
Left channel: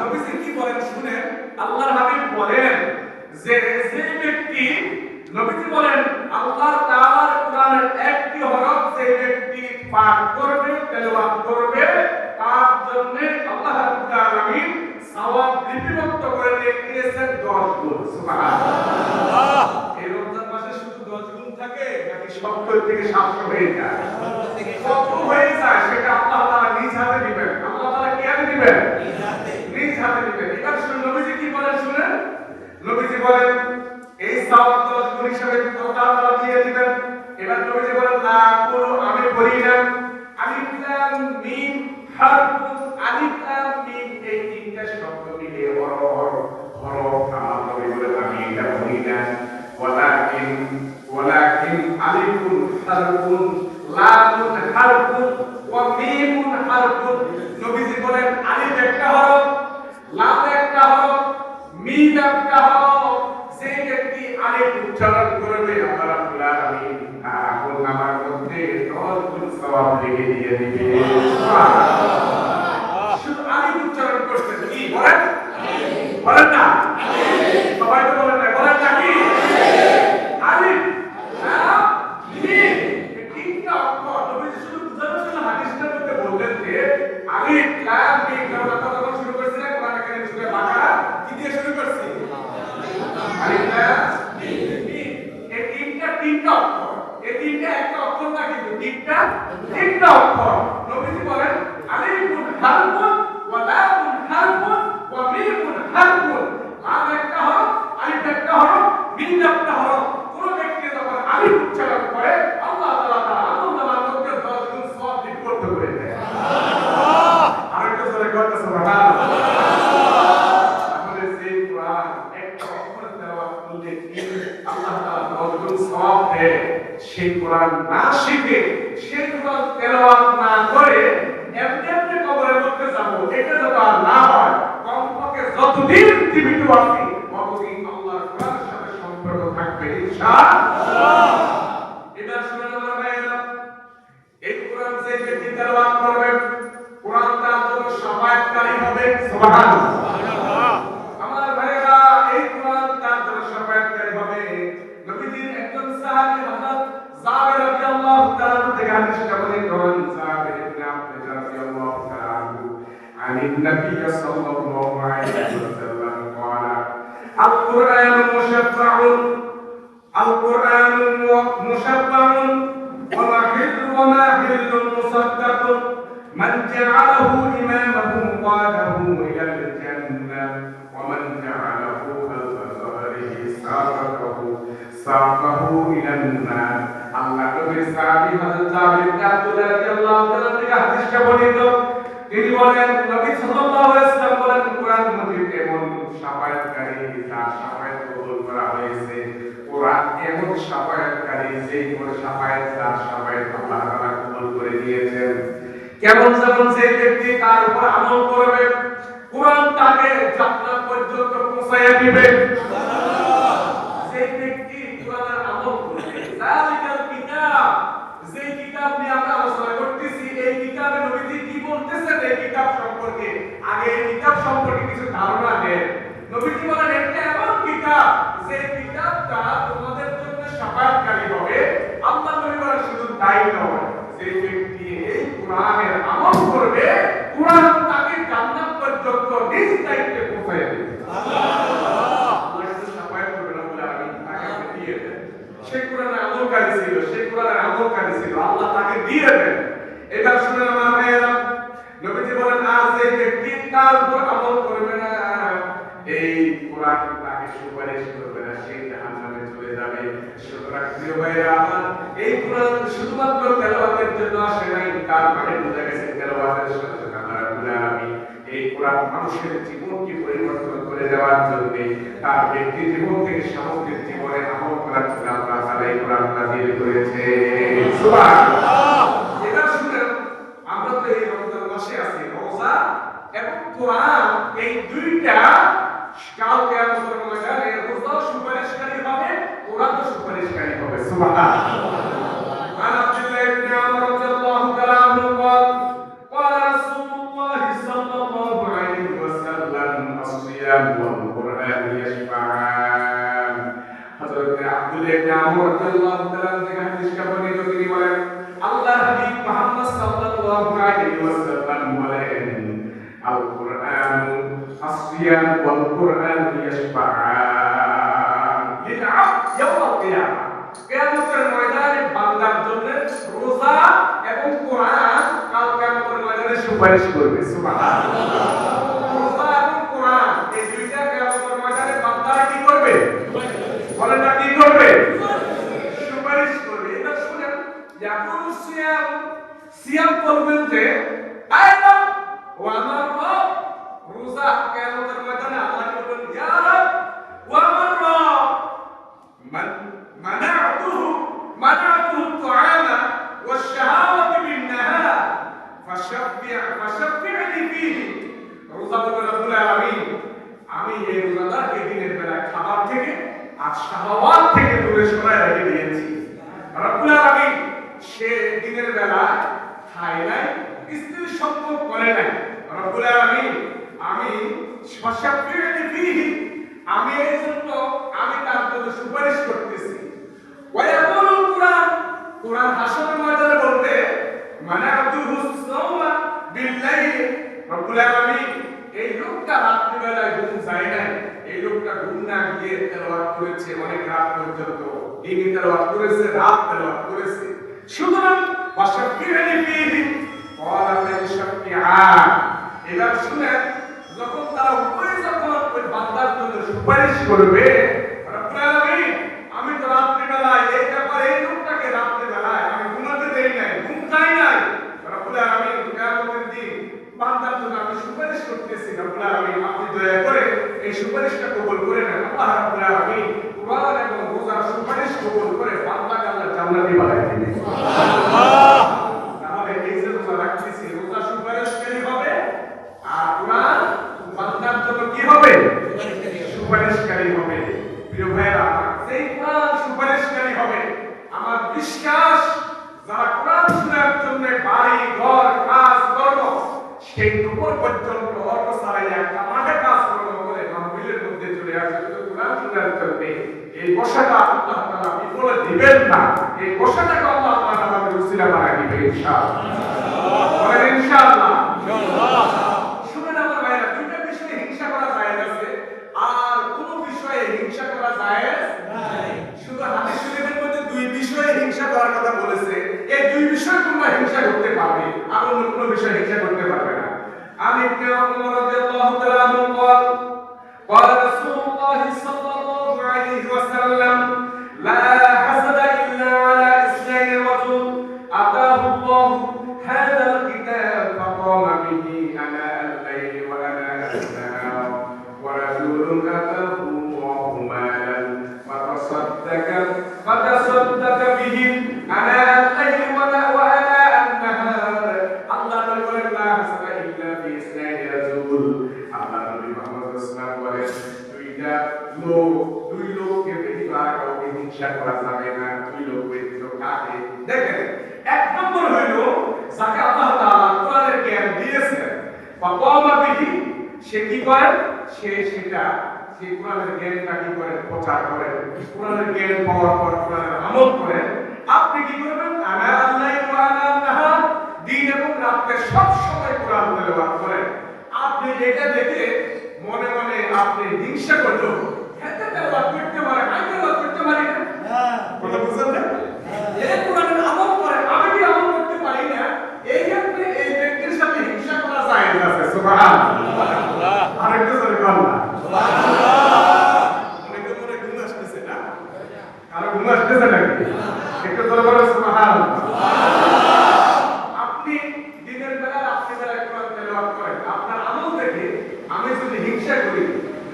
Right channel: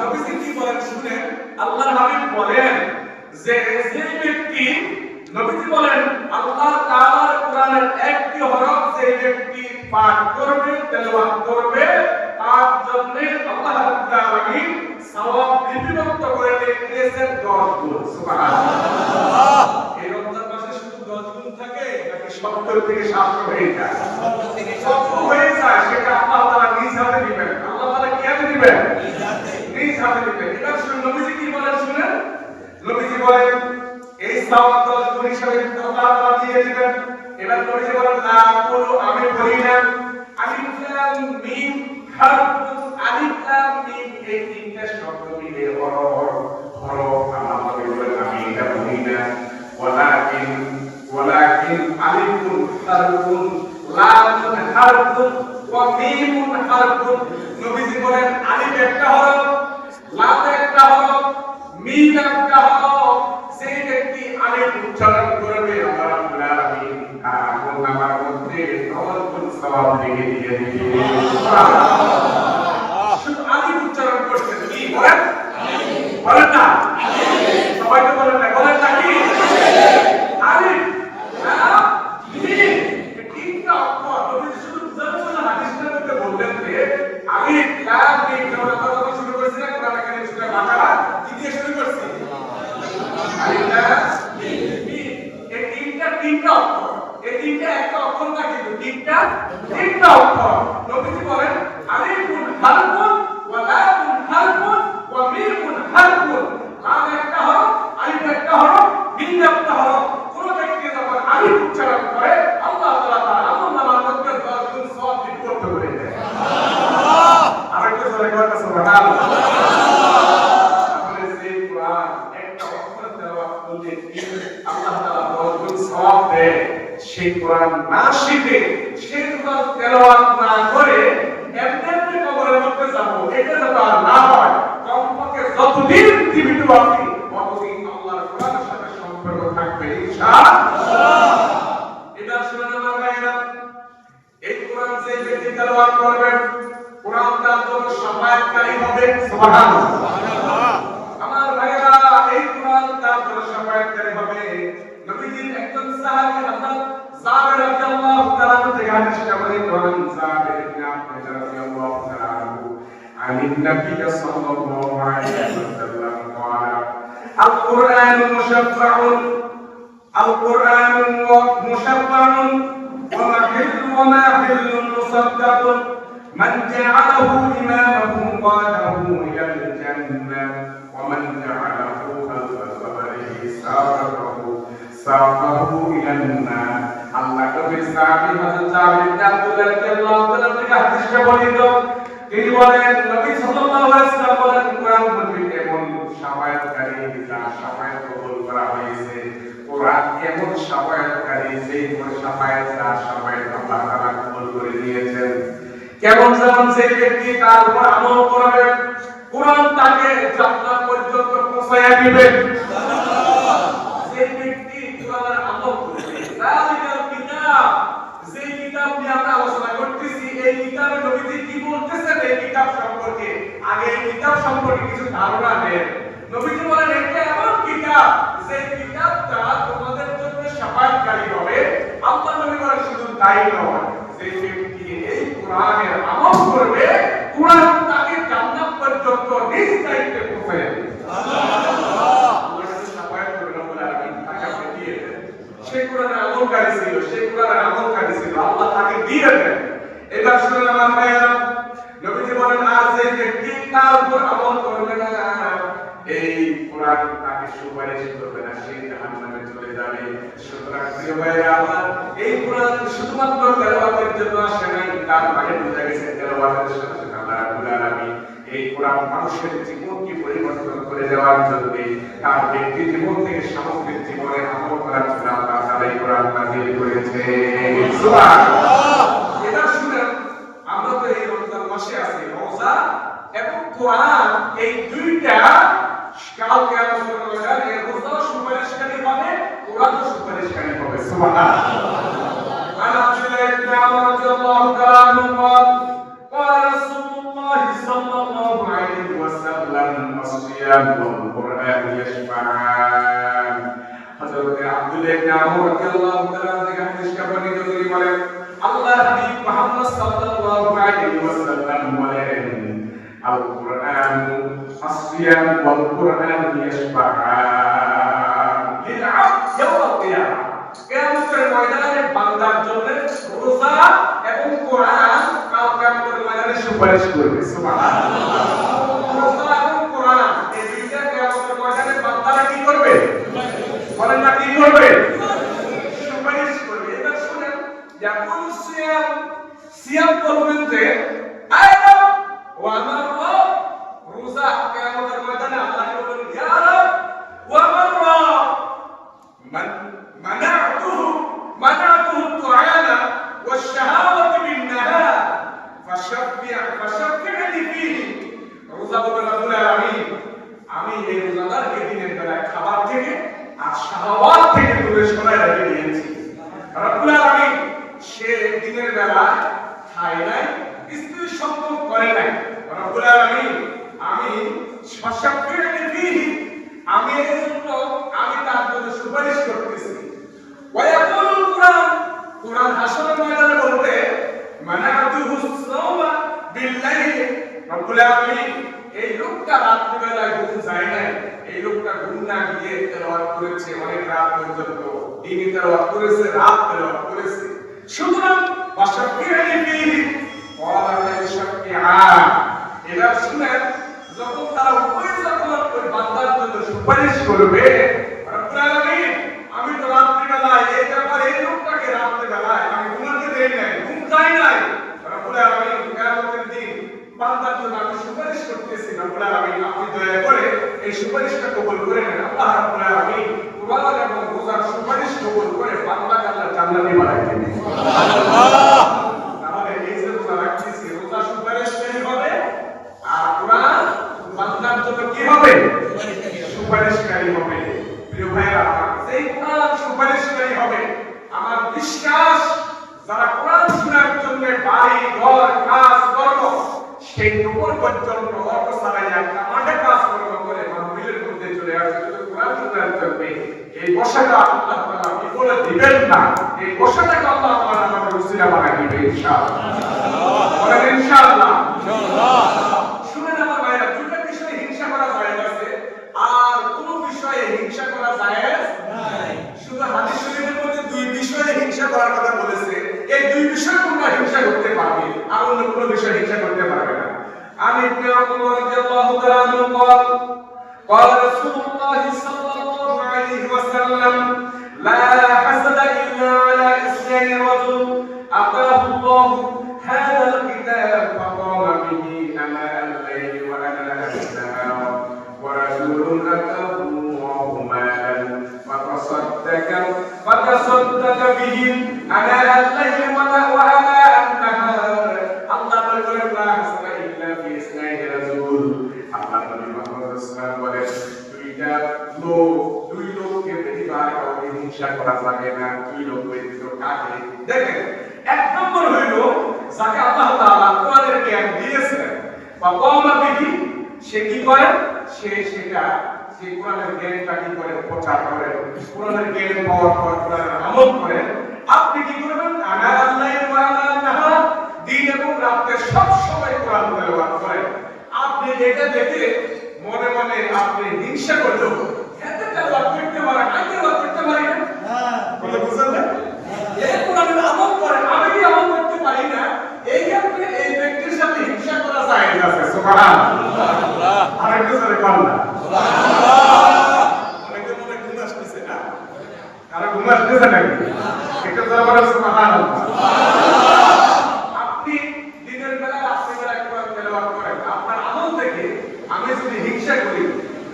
নবীজি কি বলেন শুনেন, আল্লাহর হাবিব বলেন যে যে ব্যক্তি, নবীজি বলেন আল্লাহ তাআলার কোরআনের একটি হরফ যে ব্যক্তি পাঠ করবে, তেলাওয়াত করবে, তার জন্য আল্লাহ রাব্বুল আলামিন সওয়াব লিপিবদ্ধ করে দিয়েছেন 10 গুণ। সুবহানাল্লাহ। এই রমজান মাসে শুধু 10 গুণ থাকে নাকি 70 থেকে 700 হয়ে যায়? 70 হয়ে যায়, সেটা আল্লাহ তাআলা নিজ হাতে দিবেন। আল্লাহ তাআলা কি হাতে দিবেন? নিজ হাতে দিবেন। এবার শুনুন নবীজি কি বলেন শুনেন। নবীজি বলেন এই সওয়াব 10 গুণ হিসাবে আল্লাহ তাআলা দিয়ে দিবেন। এবার নবীজি বলেন লা কুলু, আমি বলি না, আলিফ লাম মিম হারফ, আলিফ লাম মিম এই তিনটা শব্দ মিলে হরফ, আমার নবী বলেন আমি এটা বলি না। ওয়ালাকিন আলিফুন হারফুন লামুন হারফুন ওয়া মিমুন হারফুন। নবীজি বলেন আলিফ একটা হরফ, লাম একটা হরফ, মিম একটা হরফ। যে ব্যক্তি আলিফ উচ্চারণ করবে আল্লাহ রাব্বুল আলামিন তার আমলনামার মধ্যে 10 গুণ সওয়াব লিখে দিয়ে দিবে। সুবহানাল্লাহ। শুধু আলিফ উচ্চারণ করতে কি বলেন? বলেন না? সবাই তো বলেন না, বলেন নাকি? আলিফ, লাম, মিম, তিনটা অক্ষর। নবীজি শুধু বুঝানোর জন্য হাদিসের মধ্যে বললেন যে আলিফ, লাম, মিম আমরা যখন শুরু করেছিলাম কোরআন কারীমের সূরা বাকারা কি দিয়ে শুরু করছি? আলিফ, লাম, মিম। এই তিনটা অক্ষর। এই তিনটা একটা অক্ষর না, কিন্তু তিনটা অক্ষর। নবীজি বলেন আলিফুন হারফুন ওয়া লামুন হারফুন ওয়া মিমুন হারফুন। লাম একটা হরফ, আলিফ একটা হরফ, মিম একটা হরফ। কোন ব্যক্তি যখন আলিফ উচ্চারণ করে আল্লাহ তাআলা তার আমলনামার মধ্যে 10 গুণ সওয়াব লিপিবদ্ধ করে দেয়। সুবহানাল্লাহ। আরেকটু জোরে কথা সুবহানাল্লাহ। তাহলে যে কোরআন একটা অক্ষর তেলাওয়াত করলে আল্লাহ তাআলা 10 গুণ সওয়াব দেয়, সেই কোরআন না শিখে সেই কোরআন তেলাওয়াত না করে এমনি এমনি কবরের মধ্যে যাব, এটা যেন আর না হয়। কমপক্ষে যতদিন জীবিত আছি ততদিন আল্লাহর কোরআনের সাথে সম্পর্ক থাকবে ইনশাআল্লাহ। এটা শুনে আমার ভাইরা, এই কোরআন যে ব্যক্তি তেলাওয়াত করবে কোরআন তার জন্য শাফায়াতকারী হবে। সুবহানাল্লাহ। আমার ভাইরা, এই কোরআন তার জন্য শাফায়াতকারী হবে। নবীজির একজন সাহাবী হযরত জাবের রাদিয়াল্লাহু তাআলা থেকে হাদিসটা বলেন, জাবের ইবনে আব্দুল্লাহ রাদিয়াল্লাহু তাআলা আনহু আনিন নবী সাল্লাল্লাহু আলাইহি ওয়াসাল্লাম ক্বালা আল-কুরআনু মুশাফফাউন আল-কুরআনু মুশাফফাউন ওয়া মাহিল্লুন মুসাদ্দাকুন মান জা'ালাহু ইমামাহু qadahu ইলাল জান্নাহ ওয়া মান জা'ালাহু খালফা যাহরিহি সাকাহু ইলান নার। আল্লাহ নবীর সাহাবী হযরত জাবের ইবনে আব্দুল্লাহ রাদিয়াল্লাহু তাআলা থেকে হাদিসটা বর্ণিত। তিনি বলেন নবী সাল্লাল্লাহু আলাইহি ওয়াসাল্লাম বলেন কোরআন মজিদ এমন শাফায়াতকারী যার শাফায়াত কবুল করা হয়েছে। কোরআন এমন শাফায়াতকারী যে কোন শাফায়াত তার শাফায়াত আল্লাহ তাআলা কবুল করে নিয়েছেন। কেমন যেমন যে ব্যক্তি তার উপর আমল করবে কোরআন তাকে জান্নাত পর্যন্ত পৌঁছায়া দিবে। যে ব্যক্তি কোরআনের আমল করবে, যালিকাল কিতাব, যে কিতাব নিয়ে আমরা আলোচনা করতেছি, এই কিতাবে নবীজি কি বলতেছেন এই কিতাব সম্পর্কে, আগে এই কিতাব সম্পর্কে কিছু ধারণা দেন। নবীজি বলেন এটা এমন কিতাব যে কিতাবটা তোমাদের জন্য শাফায়াতকারী হবে। আল্লাহ নবী বলেন শুধু তাই নয়, যে ব্যক্তি এই কোরআনের আমল করবে কোরআন তাকে জান্নাত পর্যন্ত নিজ দায়িত্বে পৌঁছে দেবে। সুবহানাল্লাহ। সেই কোরআনের আমলকারী ছিল, সেই কোরআনের আমলকারী ছিল, আল্লাহ তাকে দিয়ে দেন। এটা শুনে আমার ভাইরা, নবীজি বলেন আর যে ব্যক্তি তার উপর আমল করবে না এই কোরআন তাকে সুপারিশ করবে না, সেই জাহান্নামে চলে যাবে। সুতরাং প্রিয় ভাইরা আমার, এই কোরআন শুধুমাত্র তেলাওয়াতের জন্য আসে নাই, তার মানে বোঝা গেছে তেলাওয়াতের সাথে সাথে আল্লাহ রাব্বুল আলামিন এই কোরআন মানুষের জীবনকে পরিবর্তন করে দেওয়ার জন্য, তার ব্যক্তি জীবন থেকে সামগ্রিক জীবনে আমল করার জন্য আল্লাহ তাআলা এই কোরআন নাযিল করেছে। সুবহানাল্লাহ। এটা শুনে আমরা তো এই রমজান মাসে আছি, রোজা এবং কোরআন এই দুইটা কাল কিয়ামতের ময়দানে রোজাও সুপারিশকারী হবে, কোরআনও সুপারিশকারী হবে। সুবহানাল্লাহ। عن عبد الله بن عمرو رضي الله تعالى عنه قال قال رسول الله صلى الله عليه وسلم الصيام والقرآن يشفعان। হযরত আব্দুল্লাহ ইবনে আমর রাদিয়াল্লাহু তাআলা থেকে হাদিসটা বর্ণিত, তিনি বলেন আল্লাহ হাবিব মুহাম্মদ সাল্লাল্লাহু আলাইহি ওয়াসাল্লাম বলেন আল কুরআন আসিয়াম ওয়াল কুরআন ইয়াশফাআন লিল আবদ ইয়াওমাল কিয়ামah। কিয়ামতের ময়দানে বান্দার জন্য রোজা এবং কোরআন কাল কিয়ামতের ময়দানে সুপারিশ করবে। সুবহানাল্লাহ। রোজা এবং কোরআন এই দুইটা কিয়ামতের ময়দানে বান্দারা কি করবে? বলেন না কি করবে? সুপারিশ করবে। এটা শুনেন, ইয়াকুল সিয়াম, সিয়াম বলবেন যে আয়না ওয়া আমার রব, রোজা কিয়ামতের ময়দানে আল্লাহ বলবেন ইয়া রব ওয়া আমার রব منعته الطعام والشهوة بالنهار فشفعني فيه রোজা বলেন রব্বুল আলামিন আমি এই রোজাদারকে দিনের বেলায় খাবার থেকে আর শাহওয়াত থেকে দূরে সরায় রেখে দিয়েছি রব্বুল আলামিন সে দিনের বেলায় খায় নাই স্ত্রীর সম্পর্ক করে নাই রব্বুল আলামিন আমি ফশফি'নি ফীহি আমি এই জন্য আমি তার জন্য সুপারিশ করতেছি ওয়ায়াকুল কুরআন হাসরের ময়দানে বলতে মানাতুহু সাওমা বিল্লাইল রব্বুল আলামিন এই লোকটা রাত্রি বেলায় ঘুম যায় না এই লোকটা ঘুম না গিয়ে তেলাওয়াত করেছে অনেক রাত পর্যন্ত দিনে তেলাওয়াত করেছে রাত তেলাওয়াত করেছে সুতরাং ওয়াশফি'নি ফীহি ক্বালা লা শাফি'a এরা শুনেন যখন তারা উপরে যখন ওই বান্দার জন্য সুপারিশ করবে রব্বুল আলামিন আমি তো রাত্রি বেলায় এই ব্যাপারে এই লোকটাকে রাত্রি বেলায় আমি ঘুমাতে দেই নাই ঘুম যায় নাই রব্বুল আলামিন কিয়ামতের দিন বান্দার জন্য আমি সুপারিশ করতেছি রব্বুল আলামিন আপনি দয়া করে এই সুপারিশটা কবুল করে নেন আল্লাহ রব্বুল আলামিন কুরআন এবং রোজার সুপারিশ কবুল করে বান্দাকে আল্লাহ জান্নাতে বানায় দিবেন সুবহানাল্লাহ তাহলে এই যে রোজা রাখতেছি রোজা সুপারিশকারী হবে আর কুরআন বান্দার জন্য কি হবে সুপারিশকারী হবে প্রিয় ভাইরা আমার সেই কুরআন সুপারিশকারী হবে আমার বিশ্বাস যারা কুরআন শোনার জন্য বাড়ি ঘর কাজ কর্ম সেই উপর পর্যন্ত অর্থ ছাড়াই একটা মাঠে কাজ কর্ম করে মাহফিলের মধ্যে চলে আসে কুরআন শোনার জন্য এই বসাটা আল্লাহ তাআলা বিফলে দিবেন না এই বসাটাকে আল্লাহ তাআলা আমাদের উসিলা বানায় দিবেন ইনশাআল্লাহ ইনশাআল্লাহ শুনেন আমার ভাইরা দুটো বিষয়ে হিংসা করা জায়েজ আছে আর কোন বিষয়ে হিংসা করা জায়েজ নাই শুধু হাদিস শরীফের মধ্যে দুই বিষয়ে হিংসা করার কথা বলেছে এই দুই বিষয়ে তোমরা হিংসা করতে পারবে আর অন্য কোনো বিষয়ে হিংসা করতে পারবে না আমি ইবনে ওমর রাদিয়াল্লাহু তাআলা আনহু قال رسول الله صلى الله عليه وسلم لا حسد الا على اثنين رجل اتاه الله هذا الكتاب فقام به اناء الليل واناء النهار ورجل اتاه الله مالا فتصدق به اناء الليل واناء النهار الله بارك لا حسد الا في اثنين رجل الله نبي محمد صلى الله عليه وسلم দুই লোককে ব্যতিবার কাউকে হিংসা করা যাবে না দুই লোক ব্যতীত কাকে দেখেন এক নম্বর হইল যাকে আল্লাহ তাআলা কোরআনের জ্ঞান দিয়েছেন বা কওমা বিহি সে কি করে সে কোরআনের জ্ঞানটা কি করে প্রচার করে কোরআনের জ্ঞান পাওয়ার পর কোরআনের আমল করে আপনি কি করবেন আনা আল্লাহি ওয়া আনা নাহার দিন এবং রাতে সব সময় কোরআন তেলাওয়াত করেন আপনি এটা দেখে মনে মনে আপনি হিংসা করলো এত তেলাওয়াত করতে পারে আমি তেলাওয়াত করতে পারি না কথা বুঝছেন না এই কোরআনের আমল করে আমি কি আমল করতে পারি না এই ক্ষেত্রে এই ব্যক্তির সাথে হিংসা করা যায় না সুবহানাল্লাহ আরেকটু জোরে বলুন সুবহানাল্লাহ অনেকে মনে ঘুম আসতেছে না আর ঘুম আসতেছে নাকি একটু জোরে বলুন সুবহানাল্লাহ আপনি দিনের বেলা রাত্রি বেলা কোরআন তেলাওয়াত করেন আপনার আমল দেখে আমি যদি হিংসা করি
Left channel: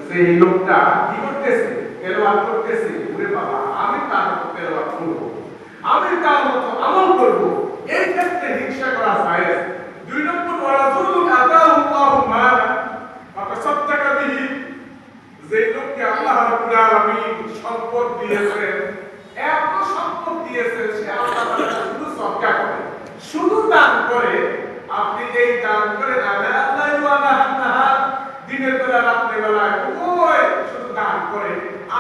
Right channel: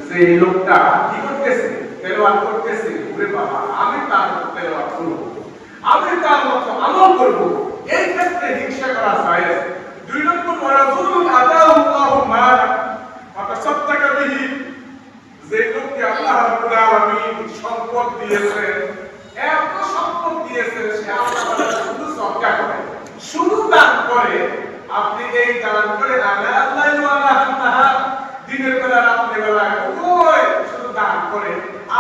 যে এই লোকটা কি করতেছে তেলাওয়াত করতেছে ওরে বাবা আমি তার মতো তেলাওয়াত করব আমি তার মতো আমল করব এই ক্ষেত্রে হিংসা করা যায় দুই নম্বর ওয়ারাজুল আতাহুল্লাহু মালা ফাতাসাদদাকা বিহি যে লোককে আল্লাহ রাব্বুল আলামিন সম্পদ দিয়েছেন এত সম্পদ দিয়েছেন সে আল্লাহর শুধু সদকা করে শুধু দান করে আপনি এই দান করে আল্লাহ ওয়া নাহার দিনের বেলা রাতের বেলা ওই শুধু দান করে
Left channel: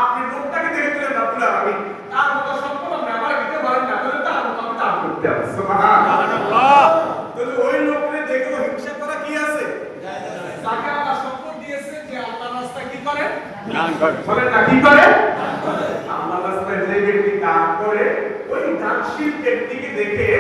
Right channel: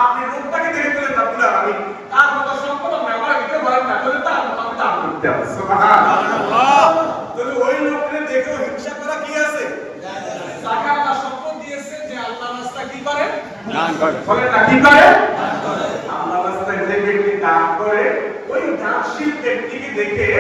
আপনি লোকটাকে দেখে দিলেন রব্বুল আলামিন তার মতো সম্পদ না আমার ভিতরে ভরণ না করে তার মতো আমি দান করতে হবে সুবহানাল্লাহ তাহলে ওই লোককে দেখে হিংসা করা কি আছে যাকে আল্লাহ সম্পদ দিয়েছে যে আল্লাহর রাস্তায় কি করে দান করে বলেন না কি করে আল্লাহর রাস্তায় যে ব্যক্তি দান করে ওই দানশীল ব্যক্তিকে দেখে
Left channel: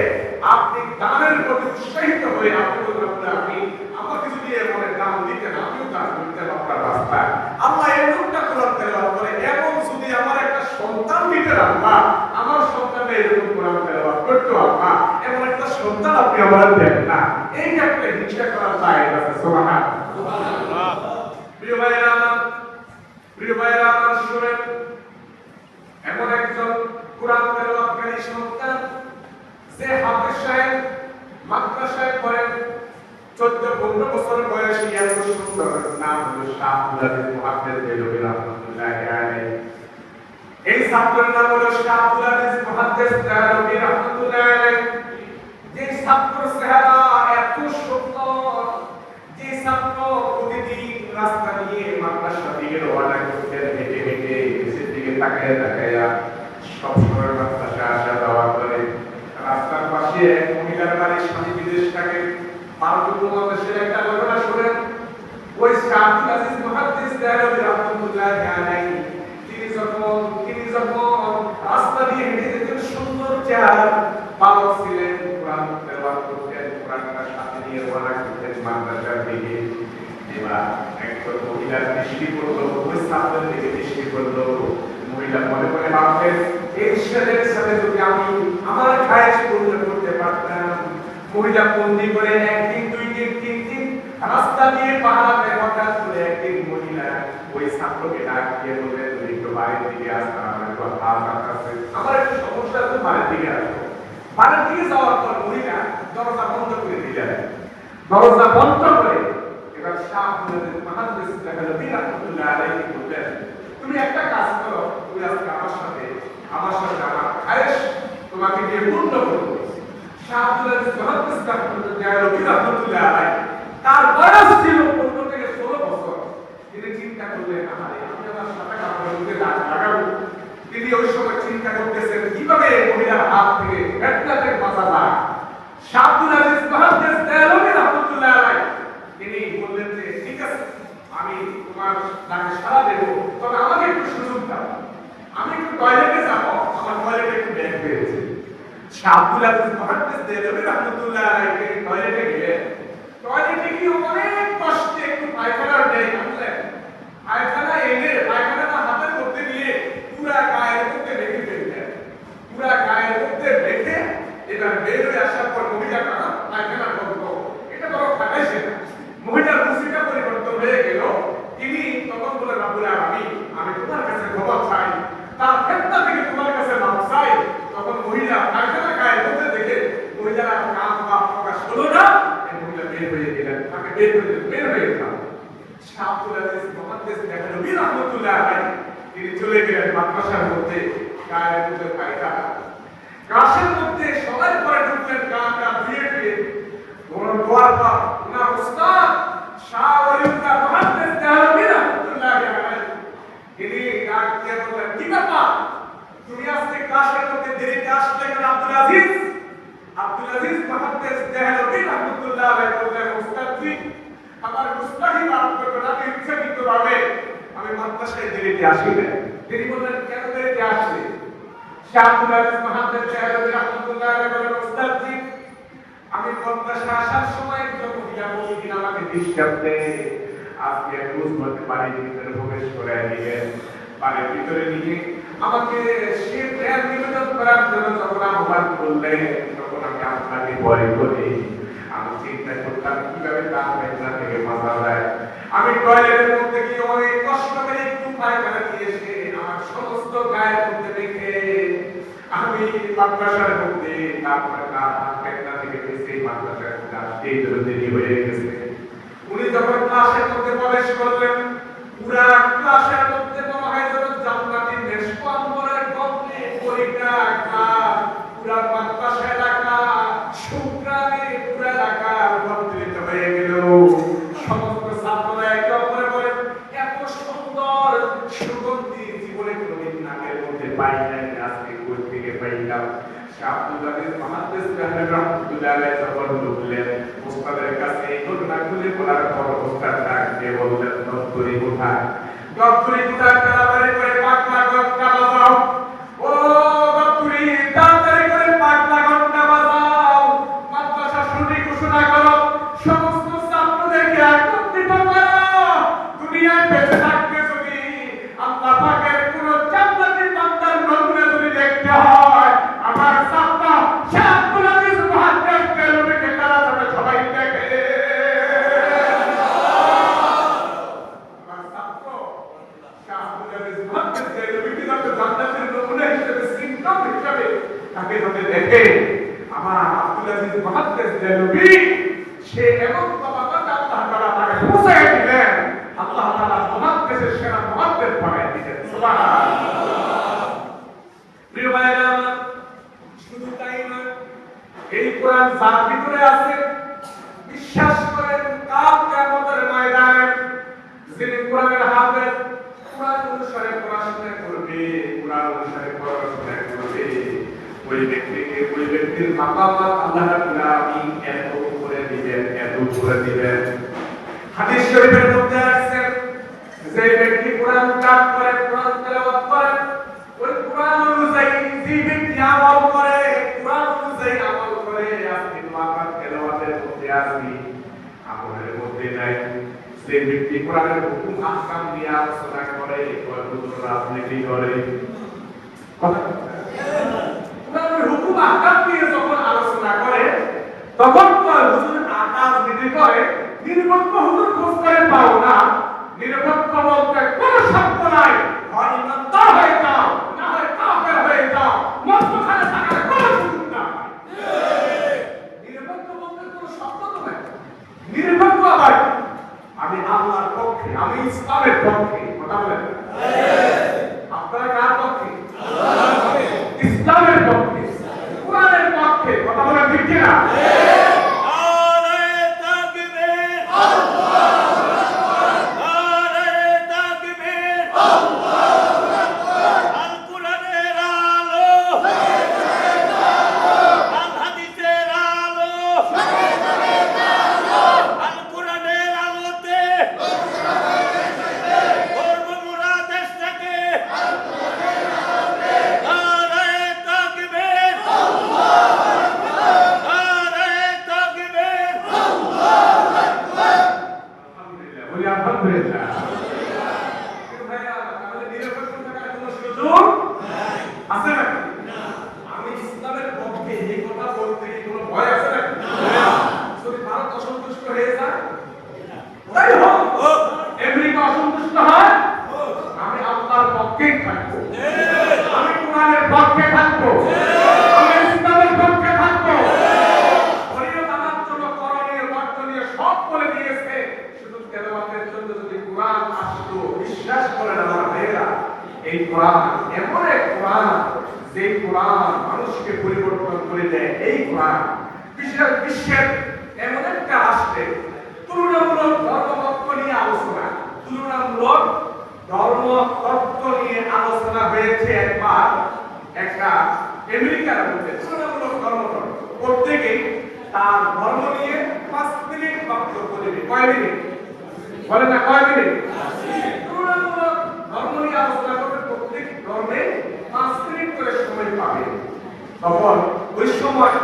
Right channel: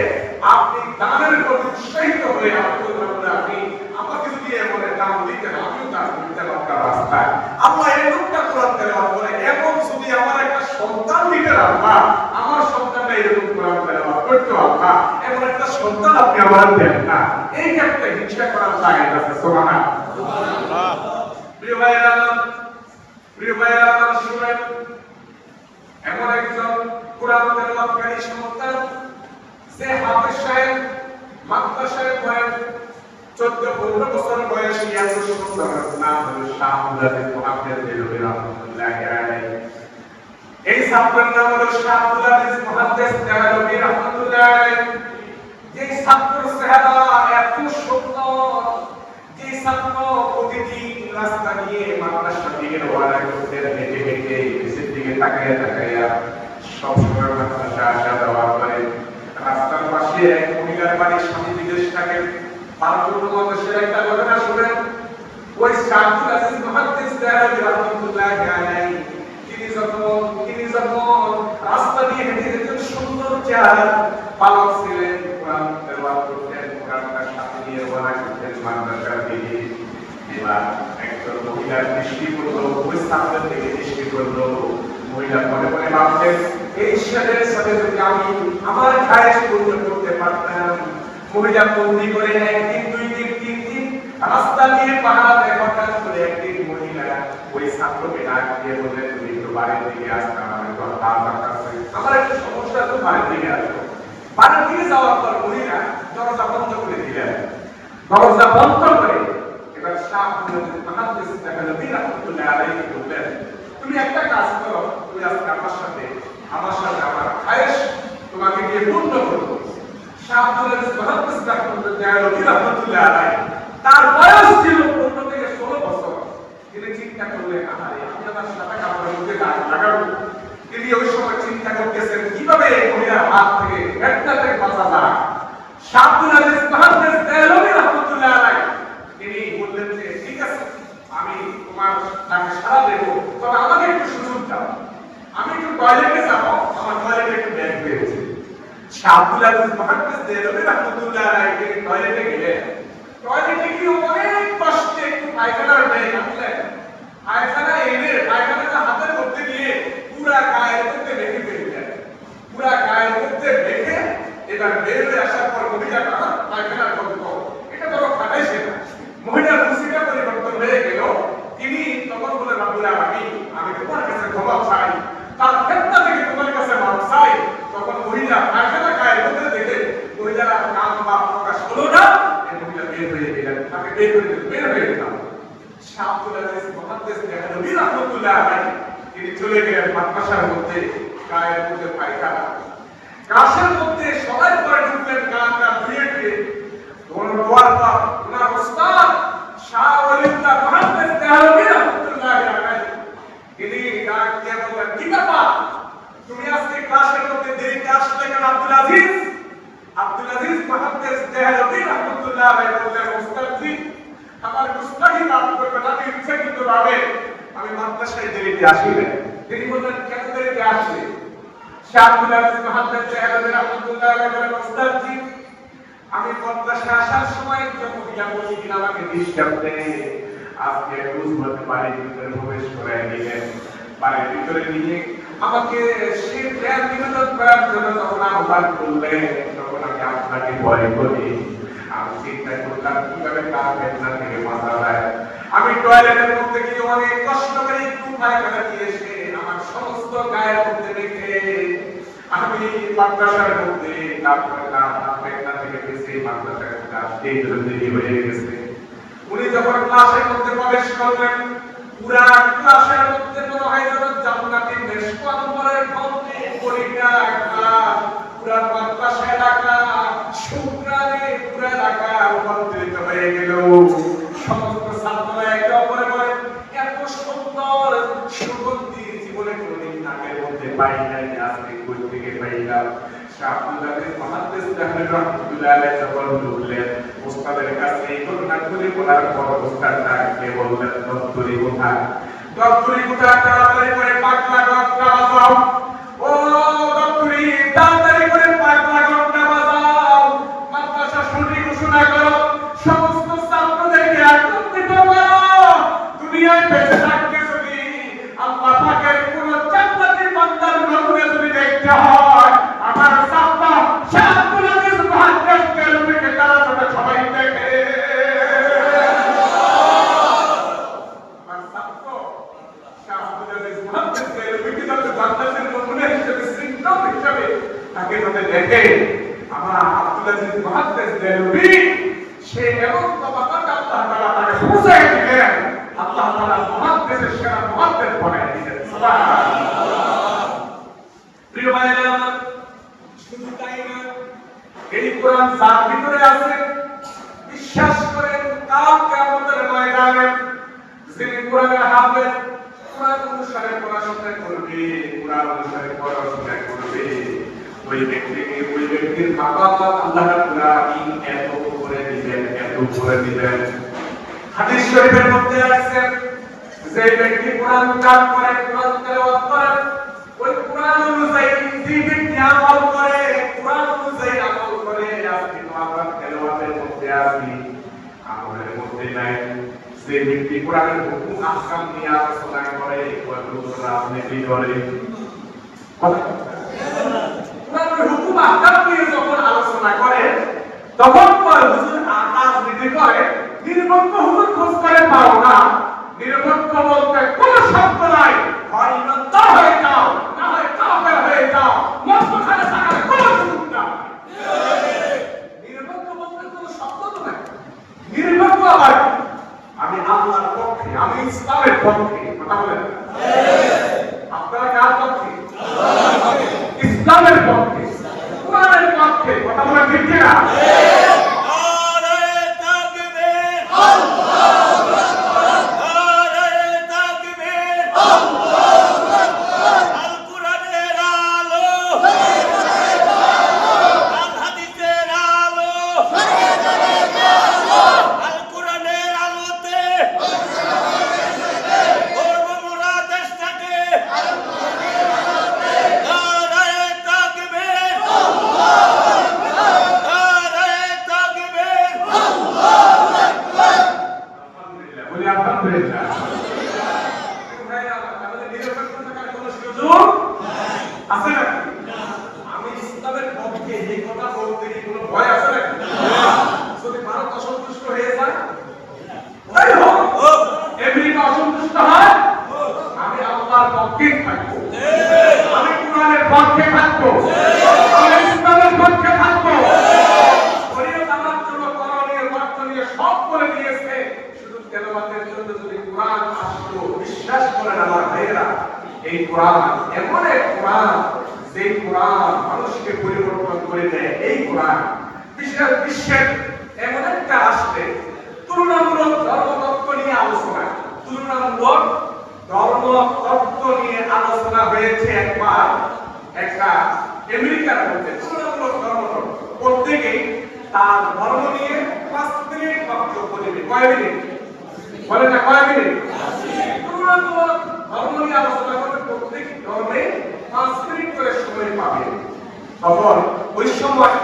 আপনি দানের প্রতি উৎসাহিত হয়ে আপনি রব্বুল আলামিন আমাকে যদি এমন দান দিতে আমিও দান করতে আপনার রাস্তায় আল্লাহ এরকমটা কোরআন তেলাওয়াত করে এবং যদি আমার একটা সন্তান দিতে আল্লাহ আমার সন্তানটা এরকম কোরআন তেলাওয়াত করতো আল্লাহ এমন একটা সন্তান আপনি আমার দেন না এই ক্ষেত্রে হিংসা করা যায় না সুবহানাল্লাহ প্রিয় ভাইরা আমার শুনেন এমন একজন কোরআন তেলাওয়াতকারী সন্তান যে হাফেজ সাহেব মাদ্রাসায় পড়েন 14-15 বছর বয়সী এত সুন্দর নাম হলো শাহ আব্দুল আজিজ মুহাদ্দিস দেলভী রাহমাতুল্লাহি আলাইহি। এই ছাত্রের নাম হলো শাহ আব্দুল আজিজ মুহাদ্দিস দেলভী রাহমাতুল্লাহি আলাইহি। যে ছাত্রের চেহারা এত সুন্দর, যে ছাত্র প্রতিদিন রাস্তা দিয়ে মাদ্রাসার দিকে রওনা করতেন, হেঁটে হেঁটে নিচের দিকে তাকায় তাকায় সবসময় মাদ্রাসা আসা যাওয়া করে। রাস্তার পাশে এক মহিলার বাড়ির স্বামী বিদেশ থাকে। বাংলাদেশের একটা ঘটনা শুনেন। ওই শাহ আব্দুল আজিজ মুহাদ্দিস দেলভী রাহমাতুল্লাহি আলাইহি তিনি যখন রাস্তা দিয়ে হেঁটে যেতেন, সুন্দর চেহারা বালক ছিলেন, কোরআন তেলাওয়াত করতেন, কোরআনের সাথে নিয়ে রওনা করতেন মাদ্রাসার দিকে। এবার একজন মহিলার দৃষ্টি পড়লো, ওই ছাত্রের দিকে দৃষ্টি পড়লো। মহিলা মনে মনে ভাবতেন, এই ছেলের সাথে যদি আমি আমার খায়েশ পূর্ণ করতে পারতাম। মহিলা বন্দি করে একদিন, 2 দিন, 3 দিন রাস্তা দিয়ে পাহাড় হঠাৎ করে একদিন মহিলা ওই ছাত্রকে ডাক দিয়ে বললেন, তুমি একটু বাড়ির দিকে আসতে, আমার একটু হাত আছে, আমার একটু সমস্যা আছে, বাড়ির দিকে আসো। বাড়ির দিকে যাওয়ার পর মহিলা দরজা বন্ধ করে দিলেন। দরজা বন্ধ করে এবার শাহ আব্দুল আজিজ মুহাদ্দিস দেলভী রাহমাতুল্লাহি আলাইহি বললেন, তুমি একটা কাজ করো, তুমি আজকে আমার সাথে আমার খায়েশ তোমাকে দিয়ে পূর্ণ করবো। শাহ আব্দুল আজিজ মুহাদ্দিস দেলভী রাহমাতুল্লাহি আলাইহি তার বয়স ছিল 15 থেকে 16 বছর। তিনি চিন্তা করলেন, আমার আমার সাথে কাপড়ের মধ্যে দাগ লাগাবো। তিনি ওই সময় চিন্তা করতেছেন কিভাবে মহিলার হাত থেকে ফেতনা থেকে বাঁচা যায়। শাহ আব্দুল আজিজ মুহাদ্দিস দেলভী রাহমাতুল্লাহি আলাইহি তিনি বললেন যে ঠিক আছে, আমি তোমার ডাকে সাড়া দেব, তবে আমাকে একটু সুযোগ দাও, আমি একটু টয়লেটে যাব, আমার টয়লেটে একটু ব্যাগ হয়েছে। শাহ আব্দুল আজিজ মুহাদ্দিস দেলভী রাহমাতুল্লাহি আলাইহি তিনি টয়লেটে গেলেন। টয়লেটে গিয়ে অনেক কষ্টে একটু পায়খানার দেয় বুঝলেন, পায়খানা এনে পায়খানাটা হাতের মধ্যে নিয়ে পুরা গায়ের মধ্যে রেখে ফেললেন। পুরা গায়ের মধ্যে রেখে এবার বের হয়ে আসার পর মহিলাটা পায়খানার গন্ধ এটা বড় খাটাইছে না, মহিলার রুচিটা পরিবর্তন হয়ে গেল। তিনি তখন বলে, রব্বুল আলামিন, আমি তোমার কাছে ক্ষমা চাই, তার ফেতনা থেকে তোমার কাছে মাফ চাই। তখন মহিলা পায়খানা গায়ের মধ্যে দেখে মহিলার কান বা প্রকাশ হলো না, মহিলা বের হয়ে গেলেন, তাকে বের হয়ে গেলাম। শাহ আব্দুল আজিজ মুহাদ্দিস দেলভী রাহমাতুল্লাহি আলাইহি তিনি চলে গেলেন মাদ্রাসার মধ্যে, গায়ের মধ্যে পায়খানা, কাশের মধ্যে সবাই পরে ঢুকলেন, কান ধুয়ে ধুয়ে দোয়ার পর ওনার উস্তাদ শাহ ওলিউল্লাহ মুহাদ্দিস দেলভী রাহমাতুল্লাহি আলাইহি তিনি ডাক দিয়ে বললেন, কি ব্যাপার তুমি আজকে ক্লাসের মধ্যে দেরিতে আসলে কেন? আব্দুল আজিজ মুহাদ্দিস দেলভী রাহমাতুল্লাহি আলাইহি বললেন, উস্তাদজি আমার গুস্তাখি মাফ করবেন, আমি ইচ্ছাকৃতভাবে আমি মাদ্রাসায় দেরিতে আসিনি। তিনি বললেন, কেন দেরিতে আসলে? শাহ আব্দুল আজিজ মুহাদ্দিস দেলভী রাহমাতুল্লাহি আলাইহি বললেন, উস্তাদজি আমি মাদ্রাসায় আসার সময় একজন মহিলা বললেন আমাকে ডিস্টার্ব দেয়, আজকে রোজ বলতে বাড়ির ভিতরে প্রবেশ করে দিলেন। বাড়ির ভিতরে নিয়ে আমাকে সে প্রেম নিবেদন করার জন্য যখন আহ্বান করলেন, তখন আমি আপনাকে ভয় করি। আমি চিন্তা করলাম কিভাবে তার ফেতনা থেকে বাঁচা যায়। আমি টয়লেটের মধ্যে গিয়ে অনেক কষ্ট করে একটু পায়খানা দিয়ে এসে আমার সমস্ত গায়ের মধ্যে রেখে আমি মাদ্রাসার মধ্যে তারপরে ফেতনা থেকে বেঁচে মাদ্রাসার মধ্যে আসতে দেরি হয়ে গেছে। উনি যখন ক্লাসের মধ্যে প্রবেশ করলেন, পুরা ক্লাসের মধ্যে মনে হয় যেন জান্নাতি মেশকাম্বরের গন্ধে পরিটা ক্লাস, পুরা মাদ্রাসা এলাকা শুকরানে পুরা এলাকা রূপান্তরিত হয়ে গেল। সমস্ত ছাত্ররা একে অপরে বলে, এত সুন্দর সুগন্ধি জীবনে কোনোদিন নাকের মধ্যে পাই নাই, আজকে কই থেকে পাইলাম। শাহ আব্দুল আজিজ মুহাদ্দিস দেলভী রাহমাতুল্লাহি আলাইহি যখন ঢুকলেন, উস্তাদের কাছে এই ঘটনা খুলে বলার পর উস্তাদ ডাক দিয়ে বললেন, দপ্তরি কোথায়? দপ্তরি কোথায়? তাড়াতাড়ি করে পাগলা ঘন্টা বাজাও। ও দপ্তরি, তাড়াতাড়ি করে পাগলা ঘন্টা বাজাও, মাদ্রাসা শুরু ঘোষণা করো, সমস্ত ছাত্রদেরকে একত্রিত করো। দুনিয়ায় বেঁচে থাকতে যদি আল্লাহ পাকের কোন জান্নাতি বান্দার নমুনা যদি দেখতে হয়, আমার ছাত্র শাহ আব্দুল আজিজ মুহাদ্দিস দেলভীকে তারা যাতে সবাই দেখে। আমার ছাত্র শাহ আব্দুল আজিজ মুহাদ্দিস দেলভীকে যাতে জান্নাতের নমুনা আজকে যাতে দেখে আমার আব্দুল আজিজ মুহাদ্দিস দেলবি সে এমন তবাকাত আল্লাহ তাআলা তাকে পৌঁছায় দিলেন, আল্লাহ তাআলা মুহাদ্দিসের সেরা মুহাদ্দিস বানায় দিলেন। সুবহানাল্লাহ। প্রিয় ভাইরা আমার, শুধু তাই না, এই কোরআন যার ভিতরে আছে বিশ্বাস করেন কাল কিয়ামতের ময়দানে যিনি কোরআনের হাফেজ, কোরআন অনুসারে পড়াশোনা করবে, কোরআন অনুসারে পড়াশোনা করবে, ওই ব্যক্তির মাকাম আল্লাহ রাব্বুল আলামিন এত করে দিবেন, এত করে দিবেন। হাদিস শরীফের মধ্যে আছে যে ব্যক্তি কোরআন পাঠ করে, কোরআন তেলাওয়াত করে, ওই কোরআন অনুযায়ী যে ব্যক্তি আমল করে, কোরআন অনুযায়ী আমল করে, আজকে তো আমরা তেলাওয়াতের মধ্যে আছি, আমলের মধ্যে নাই। যে ব্যক্তি কোরআনের হুকুম আহকাম নিয়ে আলোচনা করে, কতগুলো রাজনীতি করে, কোরআনের হুকুম আহকাম নিয়ে যখন আলোচনা করে তখন পরে হুজুর রাজনীতি করে, নিরপেক্ষ হুজুর খোঁজ করে পাও না। নিরপেক্ষ বলতে কোনো শব্দ নাই, হয় ইমানদার হয়ে যাও, না হয় কাফের হয়ে যাও, মধ্যখানে থাকার কোনো সুযোগ নাই। নিরপেক্ষ বলতে কোনো শব্দ তো নাই। নিরপেক্ষ আবার আমি আল্লাহর পক্ষে, আমি ইসলামের পক্ষে। কথা বলেন আপনারা কার পক্ষে? ইসলামের পক্ষে, কোরআনের পক্ষে। কথা বলেন ঠিক কিনা? আমি ইসলামের পক্ষে এই কথা বলতে কি কোনো ভয় আছে নাকি? যদি ভারত অসন্তুষ্ট হয়ে যায়, তাই হোক, আমেরিকা অসন্তুষ্ট হয়, আমি আল্লাহর পক্ষে থাকবো, আমি কোরআনের পক্ষে থাকবো, আমি ইসলামের পক্ষে থাকবো। শরীয়ত আমার জন্য করণীয় বর্জনীয় সব বলে দিয়েছে, শুধু তেলাওয়াতের জন্য যদি কোরআন আসতো, বিশ্বাস করেন আমার ভাইয়েরা, এই কোরআন এমন এক কোরআন যে কোরআন মানুষকে পরিবর্তন করে দেয়। এই কোরআন বিশ্বের এমন একটা রাষ্ট্রে তুলনামূলক ধর্মতত্ত্ব নিয়ে আলোচনা, তুলনামূলক ধর্মতত্ত্ব নিয়ে আলোচনা হয়েছে একবার একটা আমেরিকার মধ্যে। তুলনামূলক ধর্মতত্ত্ব প্রত্যেকেই তার ধর্ম নিয়ে 5 মিনিট বক্তব্য দেবে। কয় মিনিট বলেন না? কয় মিনিট? তুলনামূলক ধর্ম নিয়ে আলোচনা করতে প্রত্যেক ধর্মে 5 মিনিট করে সময় পাবে। তখন ওই সময়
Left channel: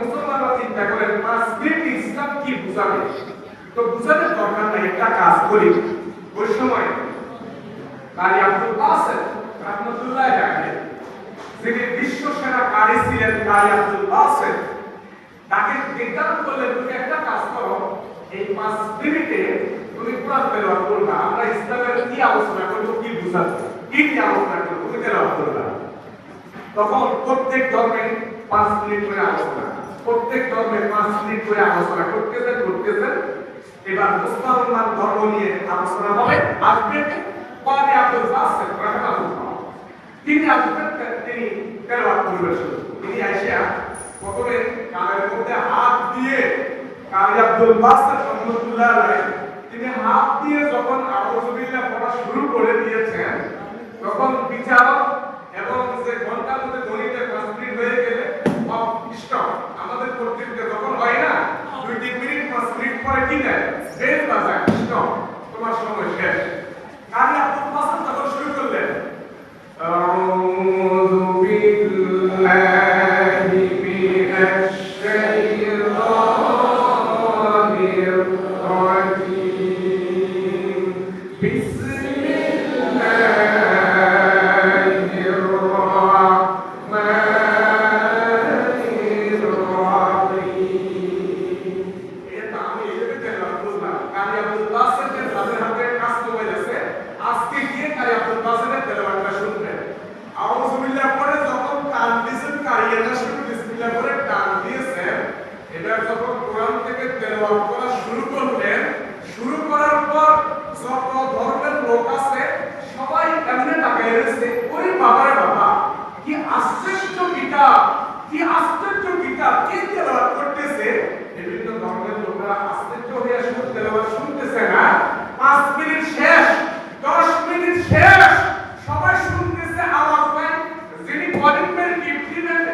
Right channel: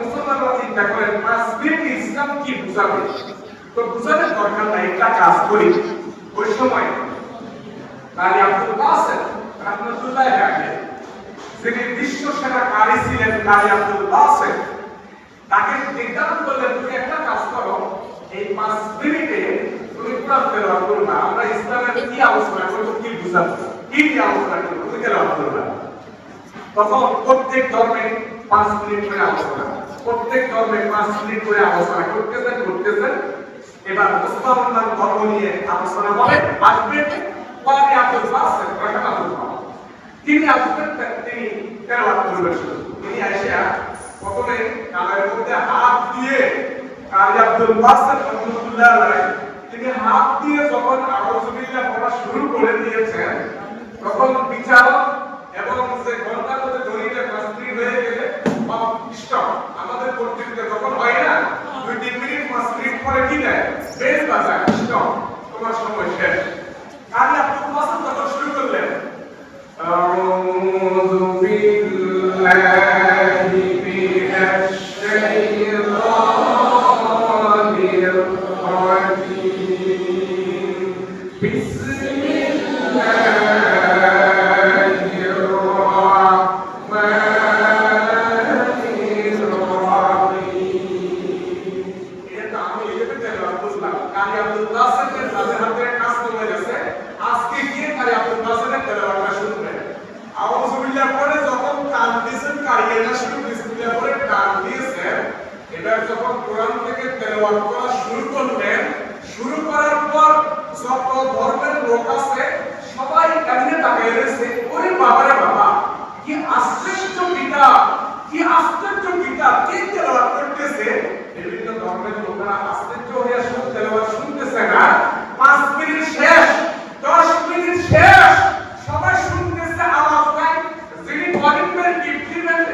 মুসলমানরা চিন্তা করেন 5 মিনিট ইসলাম কি বুঝাবে, তো বুঝানোর দরকার নাই, একটা কাজ করি। ওই সময় কারি আব্দুল বাসেত রাহমাতুল্লাহ আলাইহি, যিনি বিশ্ব সেরা কারি ছিলেন, কারি আব্দুল বাসেত, তাকে নির্ধারণ করলেন তুমি একটা কাজ করো, এই 5 মিনিটে তুমি কোরআন তেলাওয়াত করবে। আমরা ইসলামের কি আলোচনা করব, কি বুঝাবো, কি আলোচনা করব, তুমি তেলাওয়াত করবে। তখন প্রত্যেক ধর্মে 5 মিনিট করে আলোচনা, প্রত্যেক ধর্মে 5 মিনিট করে আলোচনা করতেছেন। এবার মুসলমান ধর্ম নিয়ে আলোচনা হবে। আসবেন কারি আব্দুল বাসেত রাহমাতুল্লাহ, তিনি আসবেন, তিনি তেলাওয়াত করবেন। তিনি আয়েশা প্রথমে কানের মধ্যে হাত দিয়ে, কারি আব্দুল বাসেত রাহমাতুল্লাহ আলাইহি তিনি হাত দিয়ে যখন আউযুবিল্লাহ পড়া শুরু করে দিয়েছেন, তখন বিচারক এবং যে ঘন্টার মধ্যে ধরিতে কমপ্লিট হয়ে গেলে স্টপ, আমাদের কর্তৃত্বে যখন হয় না 2-3 মিনিট 5 মিনিট পরে কি দেয়, বেল বাজায়, স্টপ, তোমার সময় শেষ। কারি আব্দুল বাসেত যখন শুরু করলেন, আউযু বিল্লাহি মিনাশ শাইতানির রাজিম, বিসমিল্লাহির রাহমানির রাহিম। এটা আমি এভাবে তেলাওয়াত করলাম। কারি আব্দুল বাসেতের হাতে কাজ কমে গেছে, আজকে গিয়ে কারি আব্দুল বাসেতের তেলাওয়াতটা শুনবেন। আউযু বিল্লাহ পড়ে যখন কোরআন থেকে তেলাওয়াত করা শুরু করলেন, শুরু করার পর যত ধর্মের লোক আছে সবাই এমনি তাকিয়ে রয়েছে, ওই বাবারে বাবা কি আশ্চর্য কিতাব, কি আশ্চর্য কিতাব, কে তেলাওয়াত করতেছে। বিভিন্ন ধর্মের লোকেরা আশ্চর্য হয়ে শুনতে তেলাওয়াত শুনতেছে না। 5 মিনিট শেষ, 10 মিনিট শেষ, সবাই শুনতেছে, আওয়াজ নাই। যিনি কলিংবেল গিফটিমেন্ট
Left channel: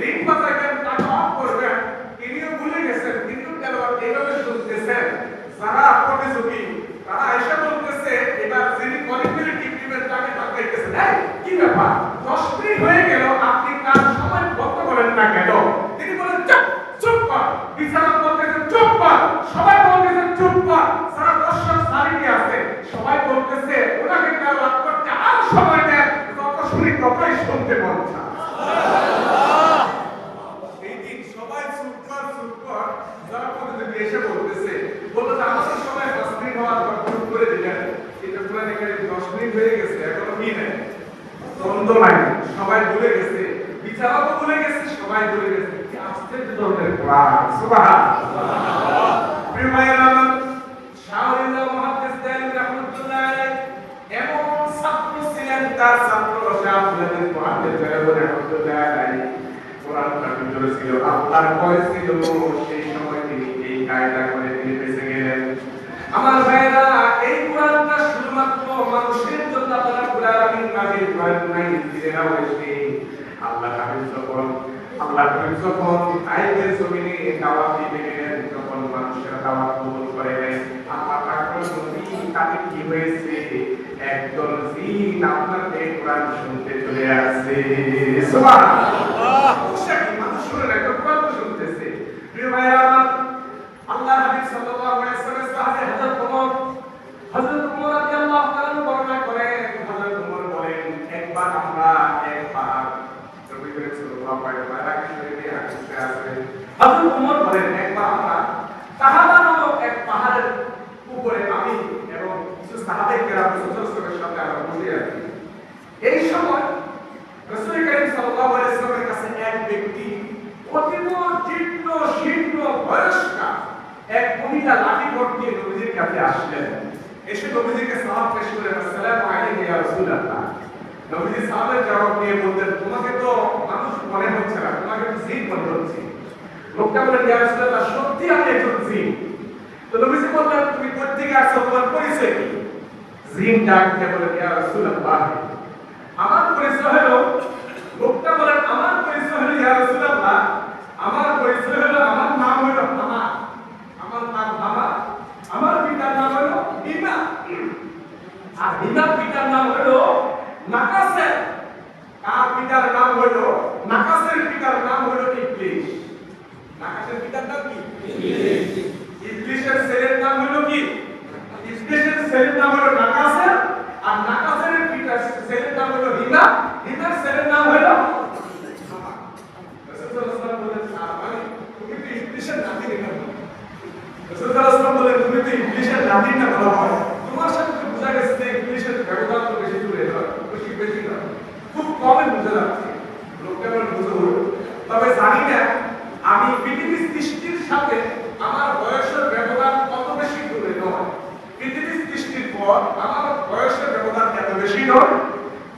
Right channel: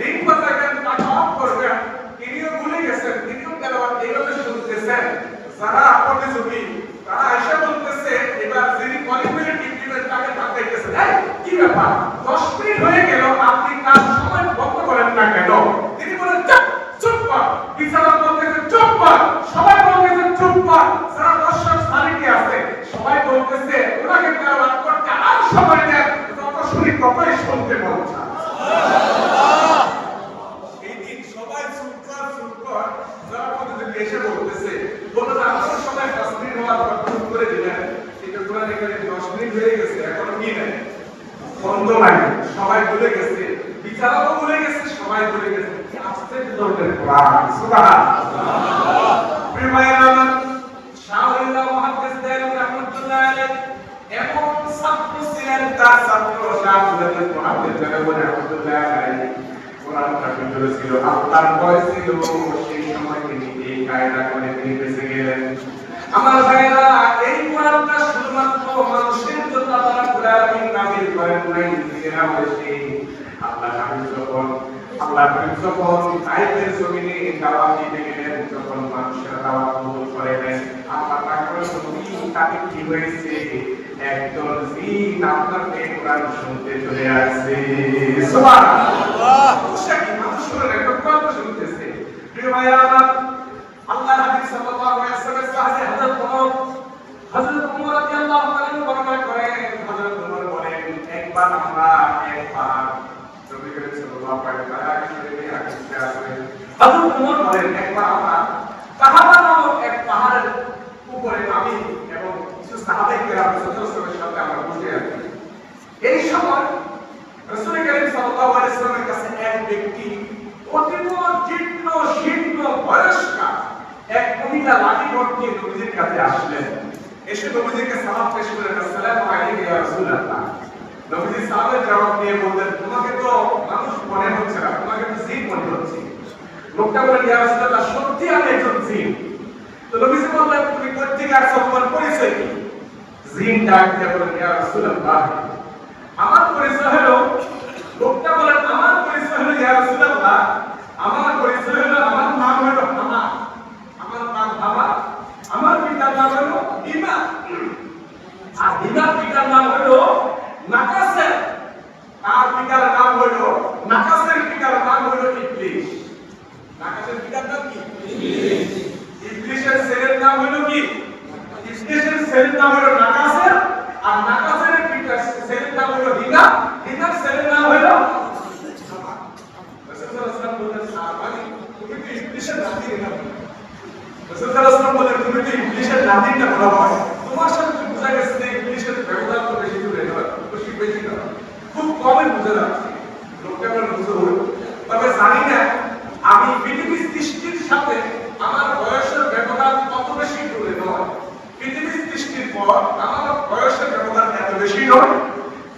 রিং বাজাবেন, টাকা অফ করবেন, তিনিও ভুলে গেছেন, তিনিও তেলাওয়াত এইভাবে শুনতেছেন। যারা প্রতিযোগী তারা এসে বলতেছে, এবার যিনি কলিংবেল গিফটিমেন্ট তাকে তাকাইতেছে, কি ব্যাপার 10 মিনিট হয়ে গেল, আপনি কাজ সময় বন্ধ করেন না কেন? তিনি বলেন চুপ, চুপ কর। বিচারক বলতেছে চুপ কর, সবাই বলতেছে চুপ কর। যারা দর্শক সারিতে আছে সবাই বলতেছে ওনাকে তেলাওয়াত করতে আর সময় দেন, যত শুনি ততই শুনতে মন চায়। এই দিন সবাই চুপ কর, চুপ কর। যারা প্রতিযোগী এসে বলতেছে, বলতে আমাদের সময় 10 মিনিট হওয়ার পর চুপ করে দিলেন, কিন্তু কোরআন এখানে 10 মিনিট হয়ে গেছে, এখনো কি নাই, বন্ধ নাই, সবাই ভুলে গেছে, বিচারকও ভুলে গেছে, সবাই ভুলে গেছে। আশ্চর্য ধরনের কোরআন, সুবহানাল্লাহ। প্রিয় ভাইরা, শাহরিয়ার মুহাদ্দিস দাইলুর রাহমাতুল্লাহ আলাইহি এমন ছাত্র ছিলেন, তার ছাত্র শাহরিয়ার মুহাদ্দিস দাইলুর রাহমাতুল্লাহ আলাইহি কোরআন পড়তে ছিল, আল্লাহর ভয় ছিল। সেই সময় তিনি এই কায়দা করে তিনি বেঁচে গেলেন। আমার ভাইরা, এই কোরআনটা শুধুমাত্র মানুষের জন্য আল্লাহ রাব্বুল আলামিন নাযিল করেন নাই, নিজেরা বসে আল্লাহ যখন আয়াতের জমিনে দাওয়াত দিতে গেলেন, তখন মানুষের দাওয়াত কবুল করে নেন। আল্লাহ তাআলা নবী তাকে কি হয়েছে, একজন জিন আপনার এই কোরআন শুনতে চলে আসছে, সুবহানাল্লাহ। মানুষের একটা কোরআন শুনতেছে। প্রিয় ভাইরা, আল্লাহ নবী সাল্লাল্লাহু আলাইহি ওয়াসাল্লাম সাথে হযরত ওমর রাদিয়াল্লাহু তাআলা বর্ণনা করেন, হযরত ওমর বলেন, একবার আমরা নবী করিম সাল্লাল্লাহু আলাইহি ওয়াসাল্লাম হযরত ওমর বলেন, একবার আমরা সাহাবা নামক এক পাহাড়ের উপরে আমি এবং কিছু সাহাবায়ে কেরাম রাসূলের সাথে আমরা বসে আছি। এই সময় রাসূল করিম সাল্লাল্লাহু আলাইহি ওয়াসাল্লামের কাছে এক ব্যক্তি অতীব জীর্ণ শীর্ণ বয়স্কা এক মহিলা লাঠি ভর্তি নবীজির কাছে আসলেন। এসে নবীজিকে সালাম পেশ করে, আসসালামু আলাইকুম ইয়া রাসূলুল্লাহ। নবীজি সালামের জবাব দিয়ে বললেন, তোমাকে তো মানুষ মনে হচ্ছে না, তোমাকে তো জিন মনে হচ্ছে। লোকটা বলে, ইয়া রাসূলুল্লাহ, সত্যি আমি একজন জিন। তো নবীজি বললেন, তুমি কোথা থেকে আসছো, তোমার পরিচয় কি? জিন ডাক দিয়ে বলেন, ইয়া রাসূলুল্লাহ, আমার পরিচয় হলো, লোকটা বলেন, আমার পরিচয় হলো ইয়া রাসূলুল্লাহ, আমার পরিচয় হলো, আমার নাম হলো হামা, আমার নাম হামা, আমার পিতার নাম হলো ইমা, আর ইমার পিতার নাম হলো নাকাসের, তার পিতার নাম হলো নাকাসের পিতার নাম হলো ইবলিস। নাকাসের পিতার নাম কি? ইবলিস। ইবলিসের ছেলের নাম হলো কি? ইবলিসের ছেলের নাম হলো নাকাসের, আর নাকাসের পিতার ছেলের নাম হলো হিনা, হিনার ছেলের নাম হলো হামা। রাসূলুল্লাহ সাল্লাল্লাহু আলাইহি ওয়াসাল্লাম বলেন, তুমি তো ইবলিসের নাতি না। রাসূলুল্লাহ সাল্লাল্লাহু আলাইহি ওয়াসাল্লাম বলেন, তুমি তো ইবলিসের নাতি না বলা হয়, তোমার সাথে বোঝা গেছে যে ইবলিসের ব্যবহার তো বেশি দূরে নয়, বেশি না, খুব কমই বুঝে যাচ্ছে। লোকটা বলে, বুঝে হলো, তবে জানি না আমি পৃথিবীর সৃষ্টির সাথে আমার বয়সের ব্যবধান কত বেশি দূরে নয়। পৃথিবীর সৃষ্টির পর আমার বয়সের ব্যবধান এত বেশি নয়।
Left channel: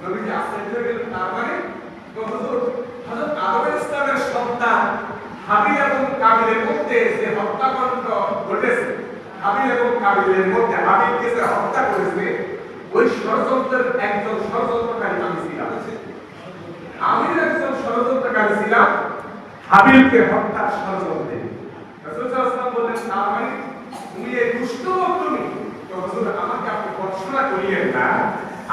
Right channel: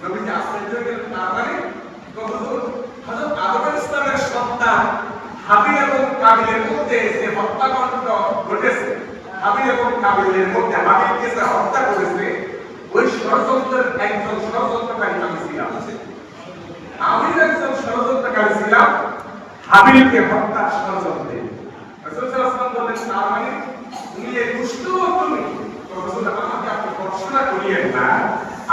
নবীজি আশ্চর্য হয়ে গেলেন, তার মানে হযরত আদম ইসলামের সন্তান হাবিল এবং কাবিলের মধ্যে যে হত্যাকাণ্ড ঘটেছে, হাবিল এবং কাবিলের মধ্যে হাবিলকে যে হত্যা করেছে, ওই ষড়যন্ত্রের একজন ষড়যন্ত্রকারী আমি ছিলাম। আমি একজন ষড়যন্ত্রকারী ছিলাম হাবিলকে হত্যার ষড়যন্ত্রে। রাসূল সাল্লাল্লাহু আলাইহি ওয়াসাল্লাম বলেন, তার মানে তুমি এই দুষ্ট তুমি, তো রাসূল আমাকে আপনি ভর্ৎসনা করিয়েন না।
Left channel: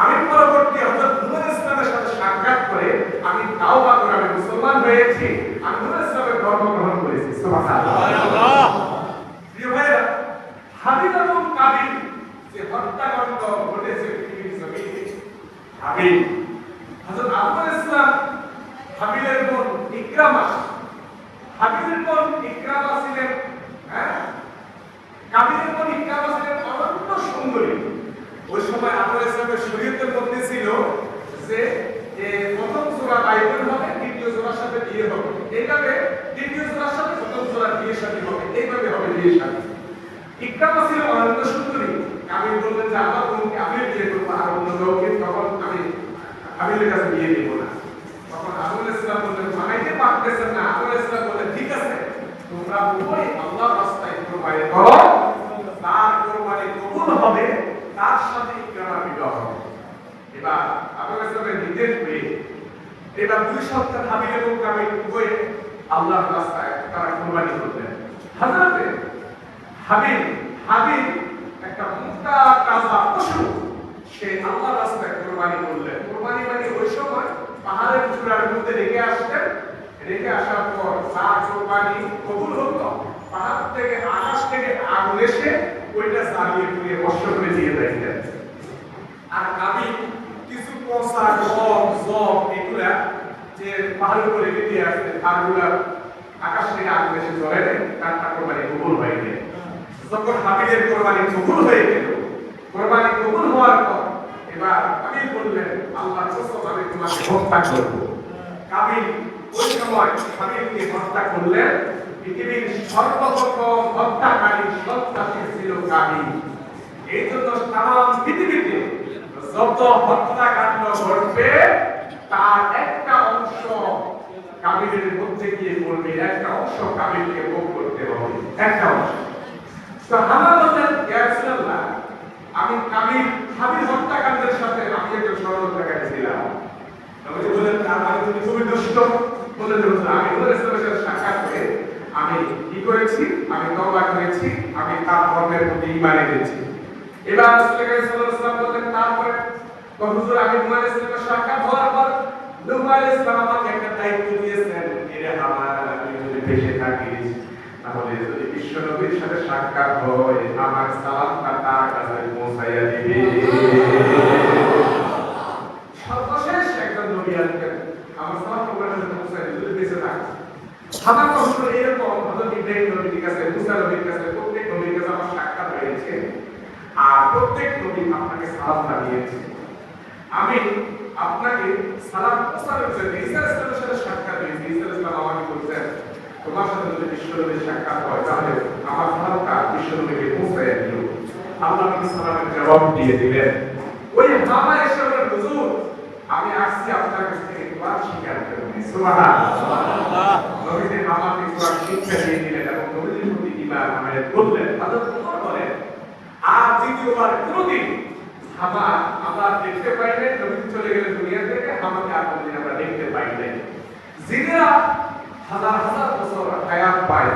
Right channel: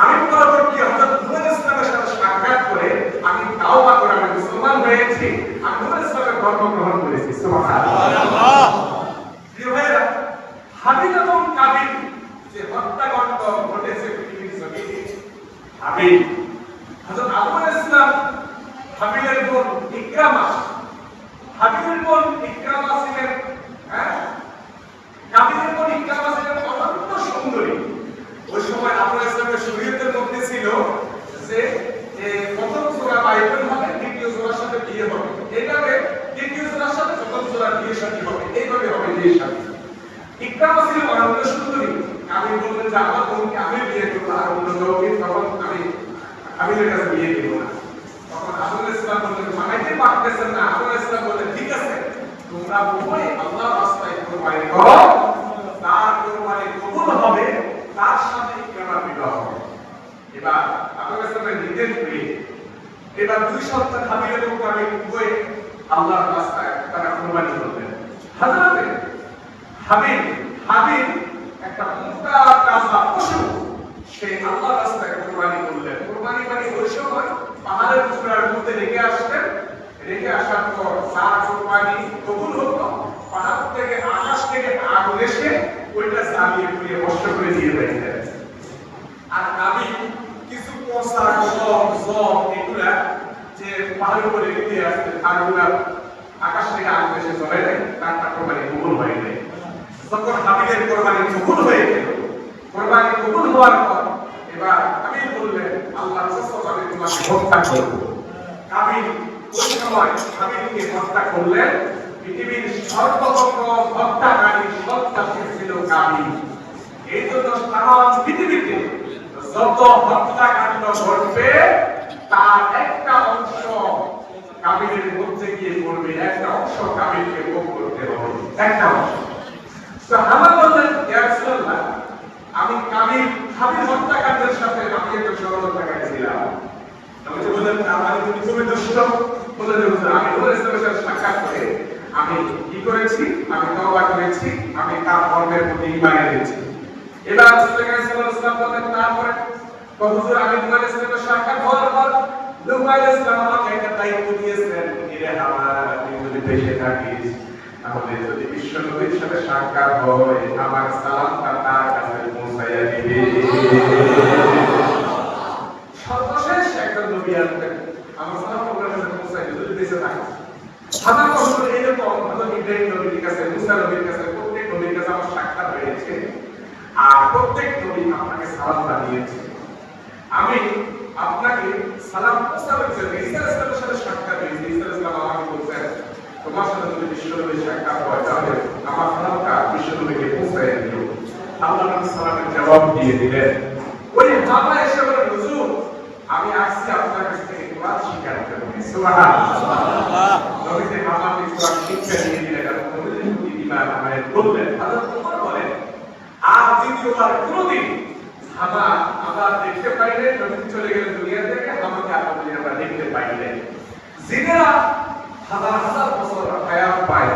আমি পরবর্তী হযরত নূহ ইসলামের সাথে সাক্ষাৎ করে আমি তাওবা করে আমি মুসলমান হয়েছি, আমি নূহ ইসলামের ধর্ম গ্রহণ করেছি, সুবহানাল্লাহ। প্রিয় ভাইরা, হাবিল এবং কাবিল যে হত্যাকাণ্ড ঘটেছে পৃথিবীর জমিনে, হাবিল হযরত আদম ইসলাম হাবিলের বোন ইকরামা, হাবিলের বোন ইকরামা ছিলেন, কাবিলের বোন ইকরামা ছিলেন অনন্য সুন্দরী। ওই সময় আদম ইসলামের শরীয়তের মধ্যে ছিল যে প্রথম জোড়া বাইবেল হবে, দ্বিতীয় জোড়ার সাথে বিয়ে হবে, এইভাবে দ্বিতীয় জোড়ার সাথে প্রথম জোড়া বিয়ে শাদী হবে, এইভাবে হবে বিয়ে শাদী। ইকরামা ছিল অনন্ত সুন্দরী। আমি বললেন যে আমার বোনকে আমি বিয়ে করবো, আর অন্য লোককে তখন আমি ওই কাছে বিয়ে দিব না। তখন আবুল ইসলাম বললেন মানাইতে পারতেছেন না। আবুল ইসলাম বললেন ঠিক আছে, তোমরা উভয় আল্লাহর রাস্তায় কুরবানি করো, তার কুরবানি কবুল হবে, তার সাথে ইকরামার বিবাহ হবে। এবার আবুল ইসলামের নির্দেশ পেয়ে এবার 2 সন্তান হাবিল এবং কাবিল উভয় আল্লাহর রাস্তায় তারা কুরবানি করলেন। হযরতে হাবিল একটা মোটা তাজা পশু সে আল্লাহর রাস্তায় কুরবানি করলেন। কুরবানি মানে ওই সময় পাহাড়ের চূড়ার মধ্যে রেখে আসতেন, রেখে আসার পর তার কুরবানি কবুল হতো। পাহাড় থেকে আকাশ থেকে আগুন এসে ওইটা জ্বালিয়ে পুড়িয়ে নষ্ট করে দিয়ে দিতেন। আর কাবিল কিছু পচা জব এগুলা যে পাহাড়ের উপরে রেখে আসতেন, তারগুলা আকাশ থেকে আগুন এসে জ্বলে দেয়, তার কুরবানি কবুল হয়ে যায়। যখন হাবিলের কুরবানি কবুল হয়ে গেল, কুরবানি কবুল হওয়ার পর এবার কাবিল বললেন আল্লাহর কসম আমি তোমাকে হত্যা করব। কাবিল ওই সময় হাবিলকে হত্যা করলেন। পৃথিবীর সর্বপ্রথম হত্যাকারী সন্ত্রাসী ছিল কাবিল। এই জন্য সারা পৃথিবীতে যত হত্যাকাণ্ড ঘটবে তার একটা অংশ কাবিলের মধ্যে গিয়ে পড়বে, একটা অংশ কাবিলকে ভোগ করতে হবে, একটা অংশ। তো আমার বললেন ইয়া রাসূলুল্লাহ, আমি হাবিল হত্যাকাণ্ডের সাথে আমি একটু ষড়যন্ত্র করেছিলাম। আমি তো বললেন আমার তুমি খুবই দুষ্ট বলে যে আমি ওর সাথে সাক্ষাৎ করে আমি কি করেছি, আমি তওবা করেছি, আমি তার ধর্মের প্রতি ঈমান এনেছি। এবার রাসূল সাল্লাল্লাহু আলাইহি ওয়াসাল্লাম বলেন তারপরে তো হুজুর আমি তোমার সাথে সাক্ষাৎ হওয়ার পর নূহ আলাইহিস সালাম আমাকে একটা দায়িত্ব দিয়েছেন, এরে আমার তুই যদি দেশে থাকিস তাহলে যদি বিশ্বনবীর সাথে সাক্ষাৎ হয় আমার সালামটা তার কাছে পৌঁছাইয়া দিবে। সর্বশেষ একজন নবী আসবেন, আমার সালাম ওনার কাছে পৌঁছাইয়া দিবে যদি দেশে থাকে। আমার কথা এরকম হযরত ইব্রাহিম নবীর কাছে, মুসা নবীর কাছে, প্রত্যেক নবীর কাছে আমার সাক্ষাৎ হয়েছে, আর প্রত্যেক নবী আপনাকে সালাম জানিয়েছে। আমি আপনাকে সালাম পৌঁছানোর জন্য ঈসা আলাইহিস সাথে সাক্ষাৎ হয়েছে। ঈসা আলাইহিস আমাকে বলছেন তোমার সাথে যদি বিশ্বনবীর সাক্ষাৎ হয় তাহলে আমার সালামটা বিশ্বনবীকে পৌঁছাইয়া দিও। আল্লাহ নবী সালামের জবাব দিয়ে দিলেন। ওই হামা এসে বলে হুজুর আমি আসছি আপনার কাছ থেকে কোরআন শিখার জন্য। সুবহানাল্লাহ। নবীদের মামাকে কোরআন শিক্ষা দিয়ে দিলেন এবং নবীদের প্রতি ঈমান আমাদের বললেন। হযরত ওমর বলেন আর দ্বিতীয়বার কোনদিন হামা আবার দেখতে পাইলেন, নবী চলে গেলেন দুনিয়া থেকে, হামাকে আমরা দেখতে পাইলেন। জিনেরা হাজার হাজার বছর হায়াত পায়।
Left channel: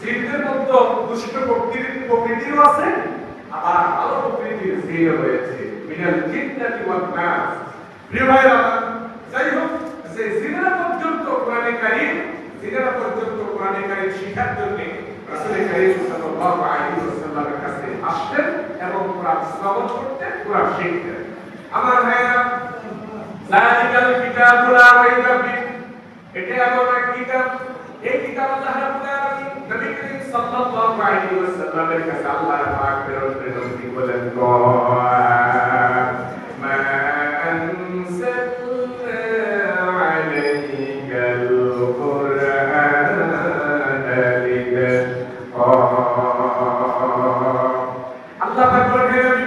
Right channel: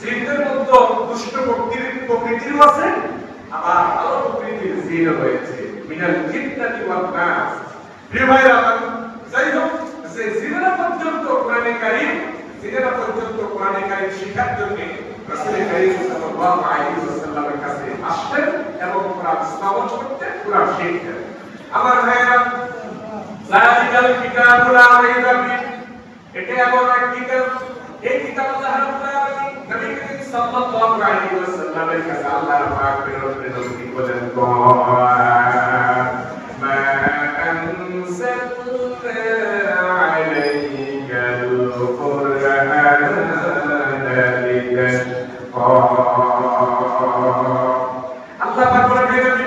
জিনদের মধ্যে দুষ্ট প্রকৃতির আছে, আবার ভালো প্রকৃতির জিন রয়েছে। মিনাল জিন্নাতি ওয়াল নাস। রিভাইরা যাই হোক, যে জিনেরা পর্যন্ত কোরআনে কারীম শিখার জন্য রাসূল কারীম সাল্লাল্লাহু আলাইহি ওয়াসাল্লামের কাছে আসতেন এবং কোরআন শ্রবণ করতেন, কোরআন শিখতেন। আমার ভাইরা যালিকাল কিতাবুল লা রাইবা ফিহি, এটা এমন এক কিতাব, এই কিতাব আল্লাহ রাব্বুল আলামিন নবী করিম সাল্লাল্লাহু আলাইহি ওয়াসাল্লামের কাছে আল্লাহর পাক প্রেরণ করে নবী বলেন মা আনসালনা আলাইকাল কুরআন আল্লাহ পাক বলেন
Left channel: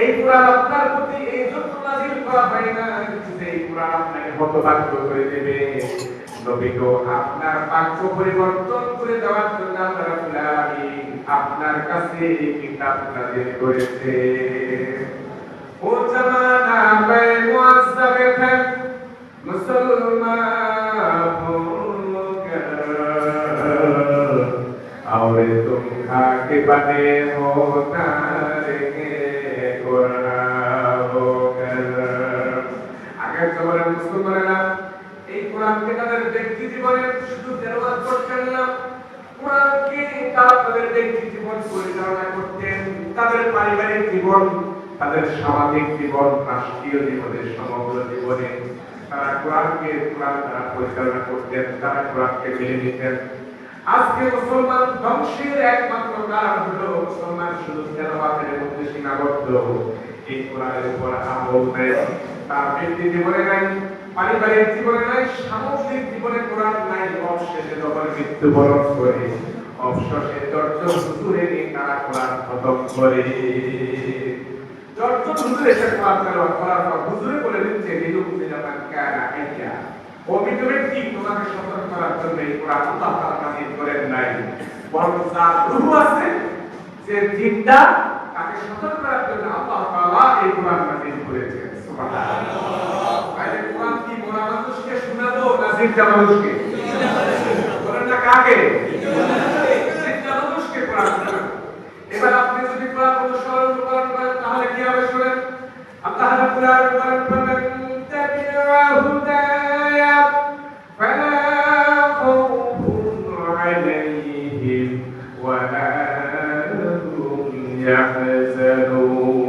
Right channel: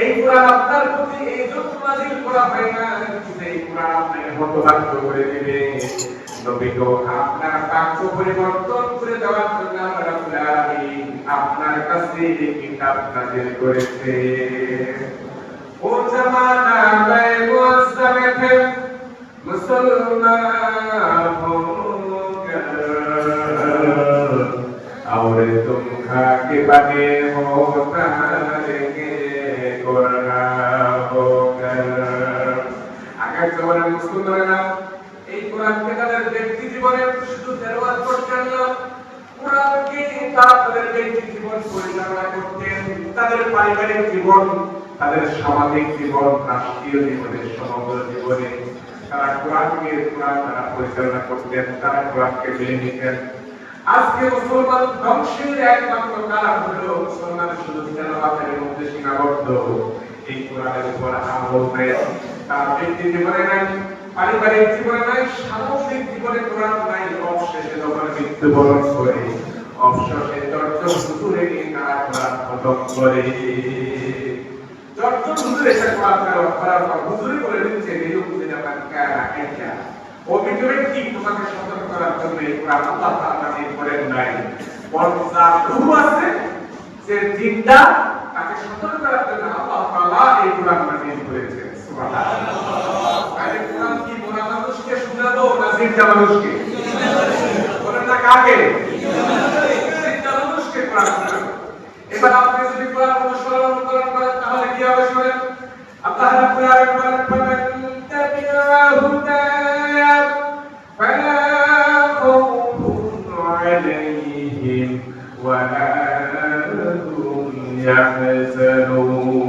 এই কোরআন আপনার প্রতি এই জন্য নাযিল করা হয় না যে এই কোরআন আপনাকে হতবাক করে দিবে। নবী গো আপনার বাক্য পরিবর্তন করে দেওয়ার জন্য আল্লাহ রাব্বুল আলামিন আপনার কাছে এই কিতাব নাযিল করেছে। ও জামানা বে মুআজ্জাবাত মুসলমান হোগা और तुम खाके बने हो तारे আগের জমানার মুসলমানেরা এই কোরআনকে তাদের ব্যক্তি জীবনে শুধু তেলাওয়াত করতেন না, কোরআনকে তাদের ব্যক্তি জীবন পরিচালনা করতেন, তাদের পারিবারিক জীবন, তাদের সামাজিক জীবন, রাষ্ট্রীয় জীবনে, সমগ্র জীবনে তারা কোরআন দ্বারা পরিচালনা করতেন, তারা কোরআনকে মেনে নিতেন। আজকে মুসলমান ধ্বংসের একমাত্র কারণ হলো মুসলমান শুধু তেলাওয়াতের মধ্যে সীমাবদ্ধ, এই কোরআনের উপর আমল নেই, তার ব্যক্তি জীবনে নাই, পারিবারিক জীবনে নাই, সামগ্রিক জীবনে কোরআন নাই, অবশেষে যখন মৃত্যুবরণ করে অবশেষে দশজন হুজুরে নিয়ে তারা কোরআন খতম করে। দশজন হুজুর এসে কোরআন করার পর হুজুরে বলে দিচ্ছে নিরুপদিন আমার কারা আইয়া অভিযোগের কি তোমাকে সতর্ক করার জন্য এই কোরআন আল্লাহ তাআলা নাযিল করেন নাই, বরং যার রূহ আছে যে জিন্দা তাকে সতর্ক করার জন্য আল্লাহ তাআলা এই কোরআন নাযিল করেছেন। সুবহানাল্লাহ। তাহলে কোরআন কি মোরা মানুষকে শোনাবো না জিন্দা মানুষকে? বলেন না কাকে? জিন্দা মানুষকে কোরআন শোনাবো। এবার আপনি যদি কোরআন অনুসরণ করেন তাহলে কি হবে শুনেন। আল্লাহ রাব্বুল আলামিন বলেন তাবিআ হুদায়া ফালা খাউফুন আলাইহিম ওয়া লা হুম ইয়াহজানুন।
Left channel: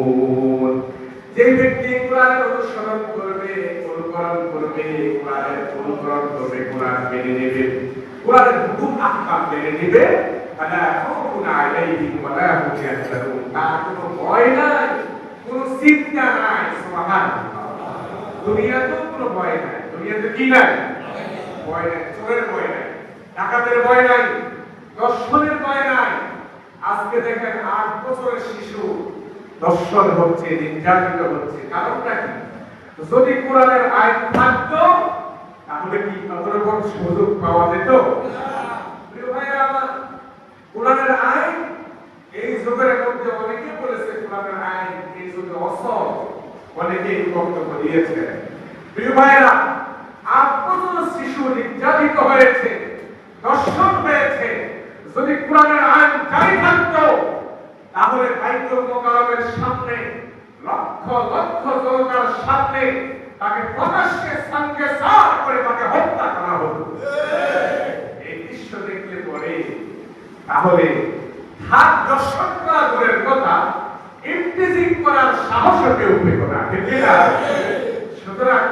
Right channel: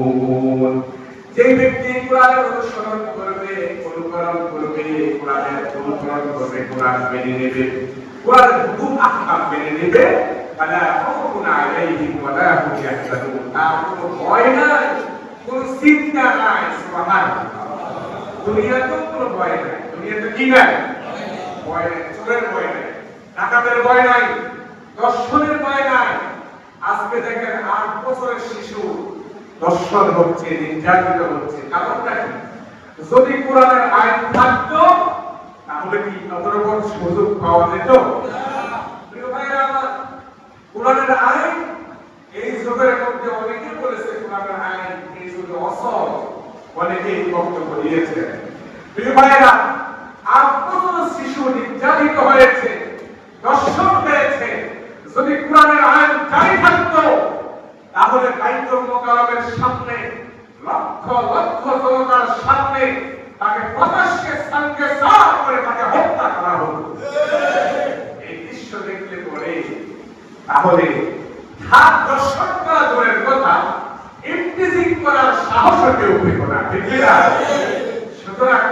যে ব্যক্তি কোরআনের অনুসরণ করবে, অনুকরণ করবে, কোরআনের অনুসরণ করবে, কোরআন মেনে নেবে, কোরআনের হুকুম আহকাম মেনে নেবে, ফালা খাউফুন আলাইহিম ওয়া লা হুম ইয়াহজানুন। তার কোনো ভয় নাই, কোনো চিন্তা নাই। সুবহানাল্লাহ। দুনিয়াতে কোনো ভয় নাই। দুনিয়াতে কি নাই? ভয় নাই। চোরের ভয় নাই, ডাকাতের ভয় নাই, দর্শনের ভয় নাই। আজকে দেখেন 8 বছরের শিশু দর্শন হচ্ছে, নির্যাতিত হচ্ছে। কারণটা কি? যদি কোরআনের আইন থাকতো তাহলে কি কত রকম সুযোগ পাওয়া যেত? প্রিয় ভাইরা আমার, কোরআনের আইন এই যুগের মধ্যে অনেকে বলেছে কোরআনের আইন এই যুগে অসল, অনেকে এই বক্তব্য দিয়েছে। প্রিয় ভাইরা, 8 বছরের শিশু নির্যাতিত হয়েছে, দর্শন হয়েছে। যদি কোরআনের আইন জারি থাকতো তাহলে বাইতুল মুকাররমের সামনে লক্ষ লক্ষ জনতার সামনে তাকে প্রকাশ্যে সঙ্গে সার করে তাকে হত্যা করা হতো। এই দৃশ্য দেখলে পরে তাহলে হাত দর্শন করা দূরের কথা, ইমপ্রিজিং করার সাহসও কেউ পেত না, ঠিক না? সুতরাং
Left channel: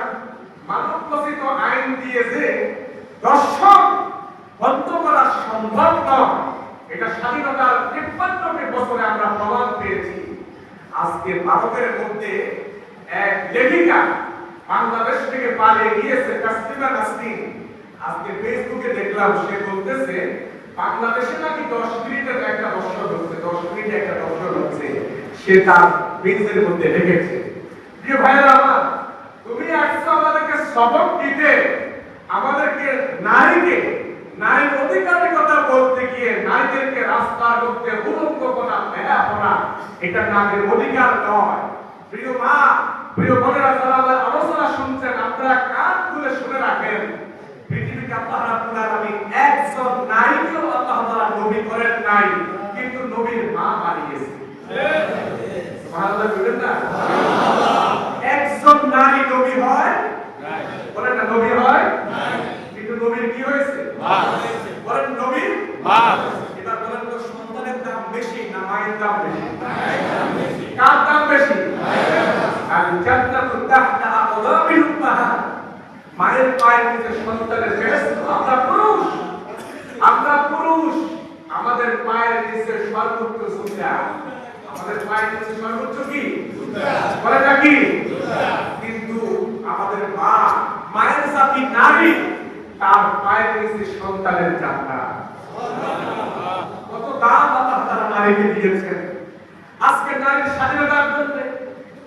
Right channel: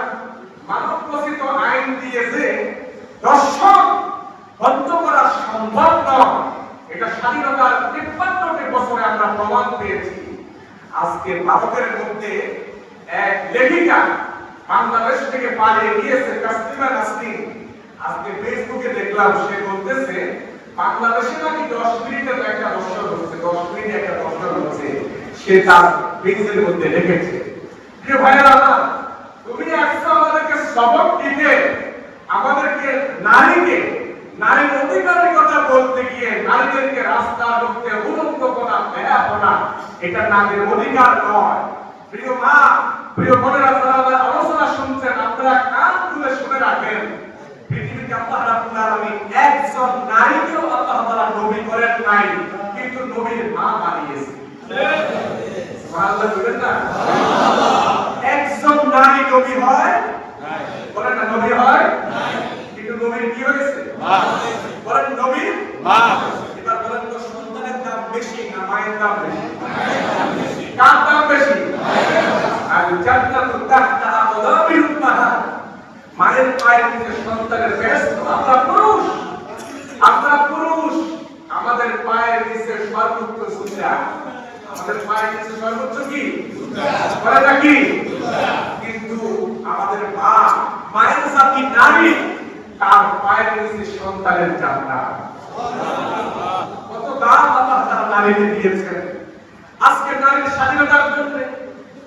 মানবরচিত আইন দিয়ে যে দর্শন বন্ধ করা সম্ভব নয়, এটা স্বাধীনতার 53 বছরে আমরা প্রমাণ পেয়েছি। আজকে ভারতের মধ্যে এক লেখিকা বাংলাদেশ থেকে পালিয়ে গিয়েছে, তাসলিমা নাসরিন। আজকে ফেসবুকে দেখলাম সে বলতেছে বাংলাদেশে নাকি 10 মিনিটের একটা দর্শন হচ্ছে, 10 মিনিটে একটা দর্শন হচ্ছে, সে তার পেজের মধ্যে লিখেছে। যে ভাইরা আমার, তুমি আসছো আমাদেরকে সবক দিতে, আমাদেরকে নারীর অধিকারের কথা বলতে গিয়ে নারীদেরকে রাস্তার মধ্যে উলঙ্গ করা, বেড়া করা, এটা নারীর অধিকার নয়। প্রিয় মা, প্রিয় বোনেরা, যারা আলোচনা শুনছেন আপনারা কান খুলে শুনে রাখেন। পৃথিবীতে আল্লাহ রাব্বুল আলামিন একজন নারীকেও আল্লাহ তাআলা নবী করেন নাই, কিন্তু নবীর মা বানিয়েছে। সুবহানাল্লাহ বলেন না? একজন নারী নবী হয় নাই, বলেন না নবী হয় নাই, কিন্তু নবীর কি হয়েছে? মা। বলেন নবীর মা। এবার বলেন তো সন্তানের দাম বেশি না মায়ের দাম বেশি? কার দাম বেশি? আর জান্নাতুল তাহতা আকদামিল উম্মাহাত, মায়ের পায়ের নিচে সন্তানের বেহেশত। আমরা পুরুষ, আমাদের পায়ের নিচে সর্বোচ্চ জুতা, আমাদের পায়ের নিচে সর্বোচ্চ কি? বলে নাকি? কিন্তু আমাদের মা, মায়ের জাতি নারী, তার পায়ের নিচে সন্তানের জান্নাত। কত দাম আল্লাহ তাআলা নারীকে দিয়েছেন। আজকে নারীর স্বাধীনতার জন্য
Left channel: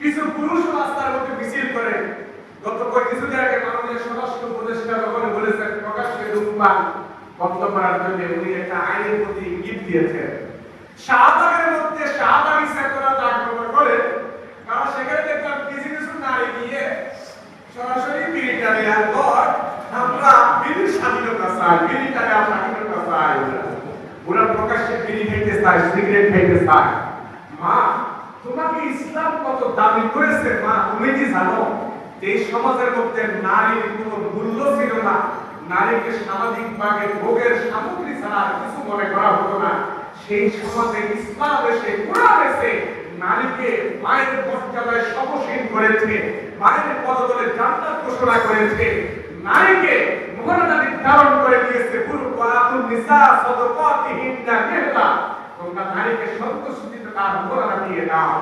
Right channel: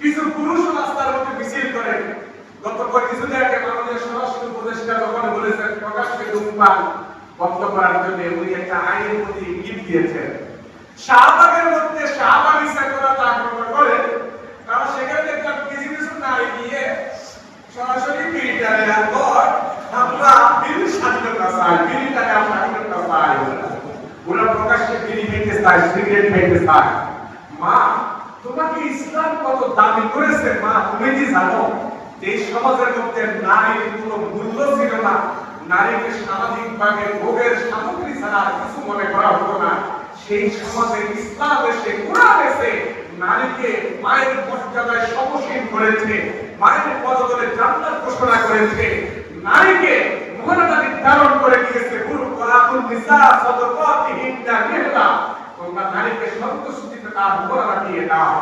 কিছু পুরুষ রাস্তার মধ্যে মিছিল করে। গত কিছুদিন আগে বাংলাদেশ স্বরাষ্ট্র উপদেষ্টা যখন বলেছেন প্রকাশ্যে ধূমপান বন্ধ করার জন্য উনি একটা আইনের প্রতি ইঙ্গিত দিয়েছেন। শাহবাগের মধ্যে শাহবাগ ইচ্ছা করা আক্রমণ করে, কারণ সেখানে দেখলাম কিছু কিছু নারী গিয়ে সরাসরি বিড়িটারে পর আমরা বিড়ি স্বাধীনতা চাই, বিড়িটারে আমরা স্বাধীনতা চাই, ওরা প্রকাশ্যে বিড়ি খেতে চায়, সিগারেট খেতে চায়। মা, তোমাকে ইসলাম কত দাবি করেছে মা, তুমি কি জানো এই সমাজের মধ্যে নারীর কোনো মূল্য ছিল না, নারীকে সামাজিকভাবে ভোগের সামগ্রী ছাড়া কিছু মনে করা হতো না। সেই সমাজে ইসলাম এসে, কোরআন এসে নারীকে মায়ের মর্যাদায় সমসীন করেছে, মায়ের পদতলে জান্নাত ঘোষণা করেছে, নারীকে মর্যাদা নির্ধারণ করে দিয়েছে। পুরো কোরআনুল নিসা সাদাকাতিহিন্না নিহলা, তোমরা নারীকে সন্তুষ্টিতে তার মর্যাদা দিয়ে দাও।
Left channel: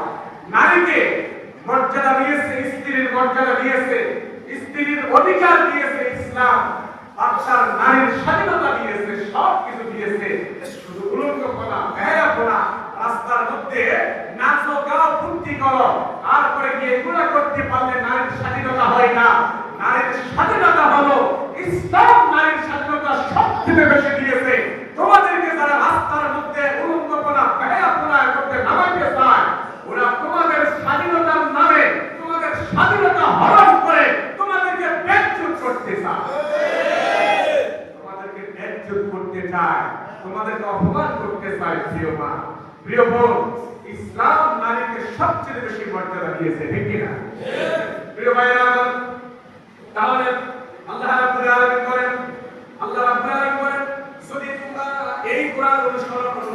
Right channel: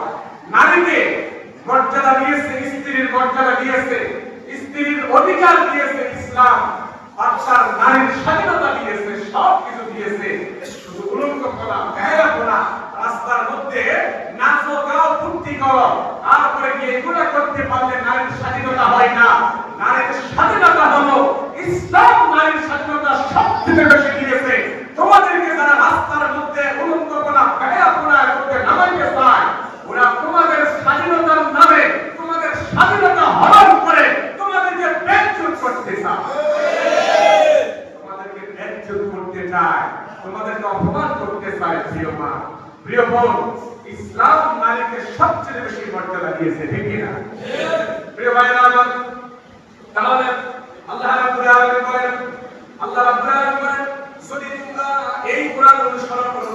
নারীকে মর্যাদা দিয়েছে, স্ত্রীর মর্যাদা দিয়েছে, স্ত্রীর অধিকার দিয়েছে ইসলাম, বাচ্চার নারীর স্বাধীনতা দিয়েছে, সব কিছু দিয়েছে। শুধু উলঙ্গ করা, বেহায়া করা, রাস্তার মধ্যে নাচো গাও ফুর্তি করো, তারপরে গিয়ে এগুলা করতে পারলে নারীর স্বাধীনতা হয় না। নারীর স্বাধীনতা হলো ইসলাম, নারীর স্বাধীনতা সবথেকে বেশি দিয়েছে। তোমাদেরকে যারা রাস্তার মধ্যে উলঙ্গ করা, বেহায়া করা করতে নামাইতে চায়, ওরা তোমাদের স্বাধীনতার নামে তোমাদের স্বাধীনতা হরণ করে তোমাদেরকে বেজ্জত করতে চায়, তোমাদেরকে বেজ্জত করতে চায়, তোমাদেরকে অপমান করতে চায়। প্রিয় মা, প্রিয় বোন, ইসলাম নারীকে সবচেয়ে বেশি মর্যাদা দিয়েছে, ঠিক কিনা? প্রিয় ভাইরা আমার, তাহলে আল্লাহ রাব্বুল আলামিন বলেন, আল্লাহ রাব্বুল আলামিন বলেন, যদি তোমরা এই কোরআন অনুসরণ করো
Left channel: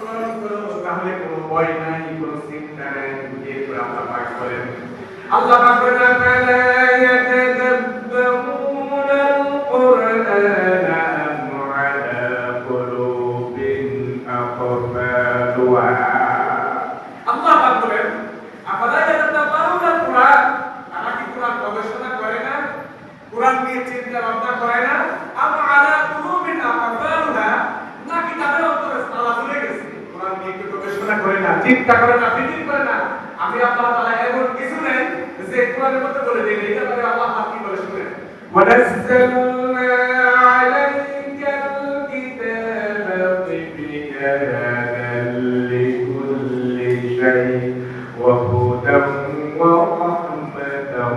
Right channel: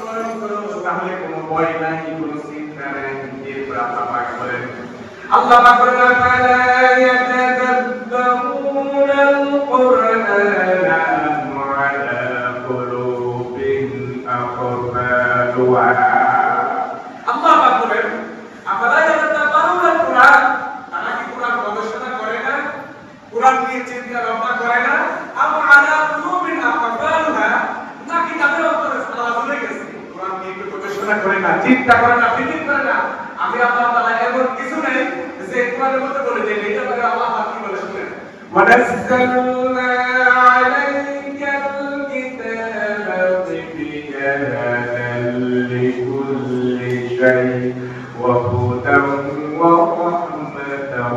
তাহলে কোনো ভয় নাই, কোনো চিন্তা নাই। এই কোরআন পাক করেন, আল্লাহ পাক বলেন, ফালা ইয়াতাদাব্বারুনাল কুরআনা আম আলা কুলুবিন আকফালুহা। আল্লাহ পাক বলেন, আফালা ইয়াতাদাব্বারুনাল কুরআন, তারা কি কোরআন গবেষণা করে না, কোরআন নিয়ে চিন্তা ভাবনা করে না? আম আলা কুলুবিন আকফালুহা, নাকি তাদের অন্তরে তালা ঝুলে গেছে? কোরআন নিয়ে একটু গবেষণা করে না, চিন্তা করে না, ফিকির করে না। আমি আল্লাহ তাআলা এমন কিছু নেই যে কোরআনের মধ্যে বলে দেন, এটা বলে আল্লাহ পাক কি বলে শুনেন, ওয়ানাজ্জালনা আলাইকাল কিতাবা বিয়ানান লিকুল্লি শাই ওয়া হুদান ওয়া রাহমাতান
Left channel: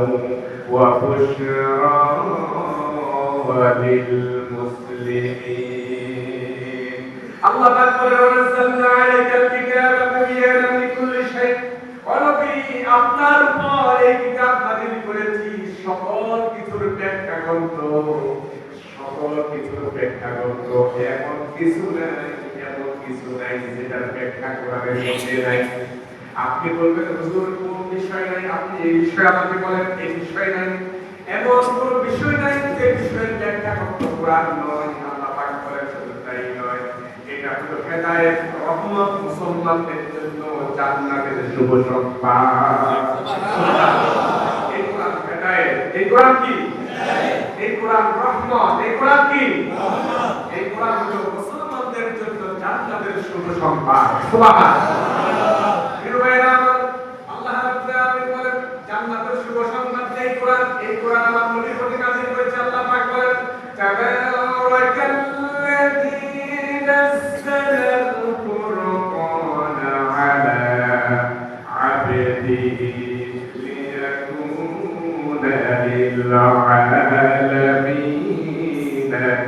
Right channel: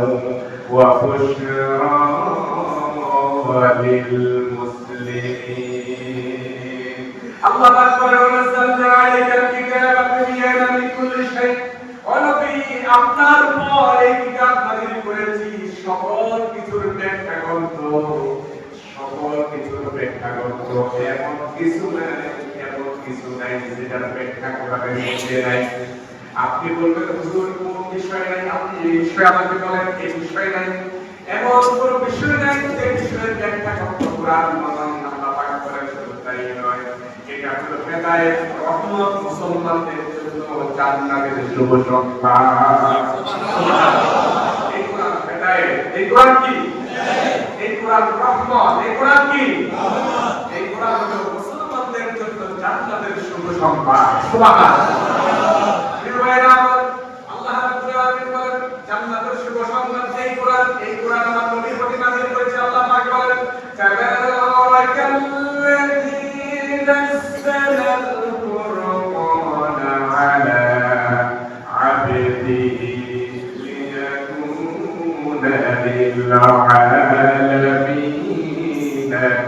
ওয়া বুশরা লিল মুসলিমিন। আল্লাহ পাক বলেন, ওয়ানাজ্জালনা আলাইকাল কিতাবা বিয়ানান লিকুল্লি শাই, আপনার উপর এই কিতাব নাযিল করেছি সকল কিছুর ব্যাখ্যা গ্রন্থ, সকল কিছুর ব্যাখ্যা গ্রন্থ। এমন কিছু নাই যেটার ব্যাখ্যা কোরআনের মধ্যে নাই। আপনি বলবেন, হুজুর কোন বিষয় নাই, আপনি এই বিষয়ে আমাকে বলেন, এই বিষয় নাই। এমন কোন বিষয় নাই যে বিষয়ের ব্যাখ্যা কোরআন নয়। আল্লাহ পাক বলেন, শুধু তাই নয়, এটা হলো হেদায়েত, রহমত মুসলমানদের জন্য, জান্নাতের শুভ সংবাদ। এই কোরআন হেদায়েত, এই কোরআন কি? এই কোরআন রহমত, এই কোরআন কি? এই কোরআন হলো মুসলমানদের জন্য জান্নাতের শুভ সংবাদ। সুবহানাল্লাহ। প্রিয় ভাইরা আমার, আল্লাহ রাব্বুল আলামিন বলেন জান্নাতের শুভ সংবাদ এই কোরআন। এই কোরআন আমার নবীর প্রতি নাযিল করেছে। আল্লাহ পাক বলেন, তাবারাকাল্লাযী নাযালাল কুরআনা আলা আবদিহি লিয়াকুনা লিল আলামিনা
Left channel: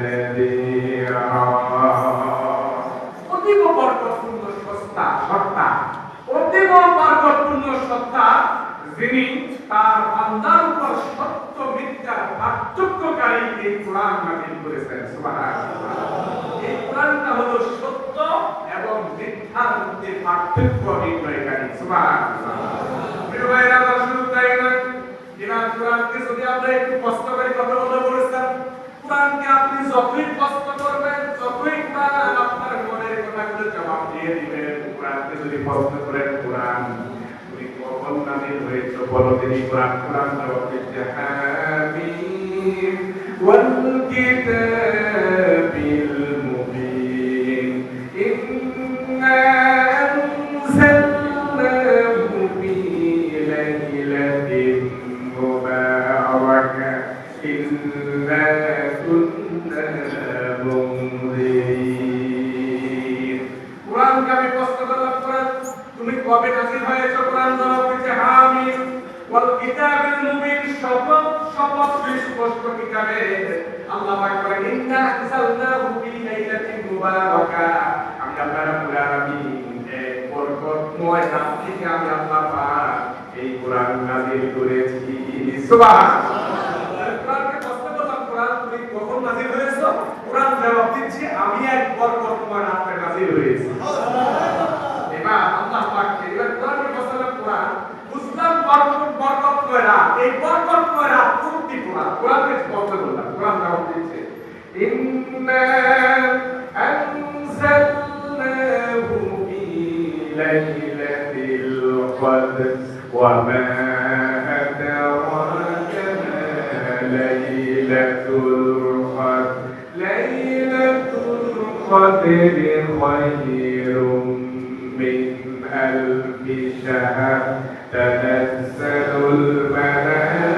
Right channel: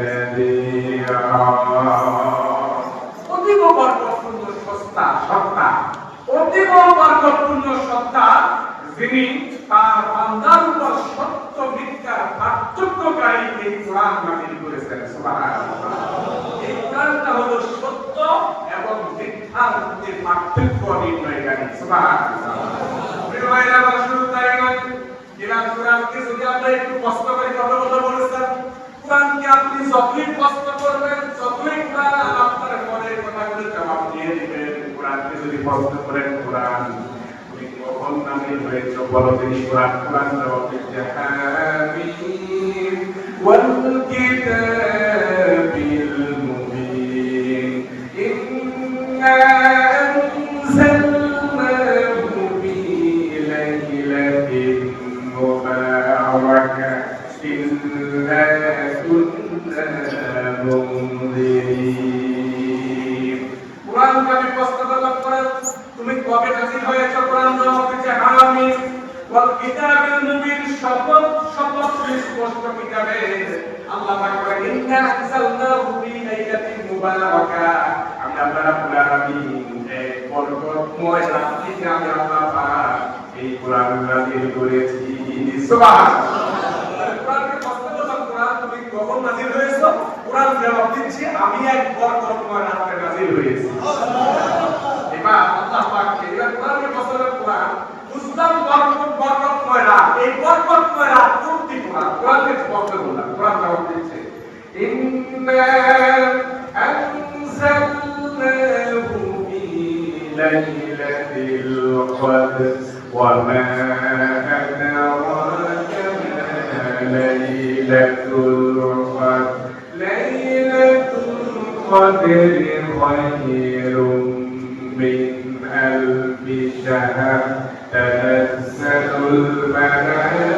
নাযীরা। অতীব বরকতপূর্ণ সত্তা, অতীব বরকতপূর্ণ সত্তা, যিনি তার বান্দার উপর সত্য মিথ্যার পার্থক্যকারী এই কোরআন নাযিল করেছেন। সুবহানাল্লাহ। এই কোরআনটা হলো সত্য এবং মিথ্যার মধ্যে পার্থক্য নির্ণয়কারী। সুবহানাল্লাহ। প্রিয় ভাইরা, শুধু তাই নয়, এবার কোরআনকে যদি আমরা একটু কষ্ট করে কথা বলেছেন, কোরআনকে আপনি যতই কষ্ট করবেন, ততই কোরআন আপনার মনের কথাগুলো জবাব দিয়ে দিবেন। কোরআনকে যদি কষ্ট করেন, কোরআন তুমি কখন নাযিল হয়েছে বলো, তিনি কোরআন জবাব দিচ্ছে, হামিম ওয়াল কিতাবিল মুবিন ইন্না আনজালনাহু ফি লাইলাতিন মুবারাকাতিন ইন্না কুন্না মুনদিরিন। কোরআন আমি কষ্ট করলাম, কোরআন তুমি কবে নাযিল হয়েছে? কোরআন জবাব দিচ্ছে, হামিম ওয়াল কিতাবিল মুবিন, শপথ স্পষ্ট কিতাবে। আল্লাহ পাক বলেন, ইন্না আনজালনাহু ফি লাইলাতিন মুবারাকা, আমরা রাব্বুল আলামিন এক বরকতময় রাত্রিতে আমি আল্লাহ পাক এই কোরআন নাযিল করেছি। সুবহানাল্লাহ। কোরআনকে কষ্ট করলাম, কোরআন তুমি কখন নাযিল হয়েছে? কোরআন জবাব দিচ্ছে, আমি এক বরকতময় রাতে নাযিল হয়েছি। এবার আল্লাহ পাক এবার কোরআনের কষ্ট করলাম, কোরআন বুঝলাম বরকতময় রাত। এই বরকতময় রাত কোনটি? কোরআনকে কষ্ট করলাম, কোরআন জবাব দিচ্ছে, ইন্না আনজালনাহু ফি লাইলাতিল কদর ওয়া মা আদরাকা মা القدر خير من ألف شهر تنزل الملائكة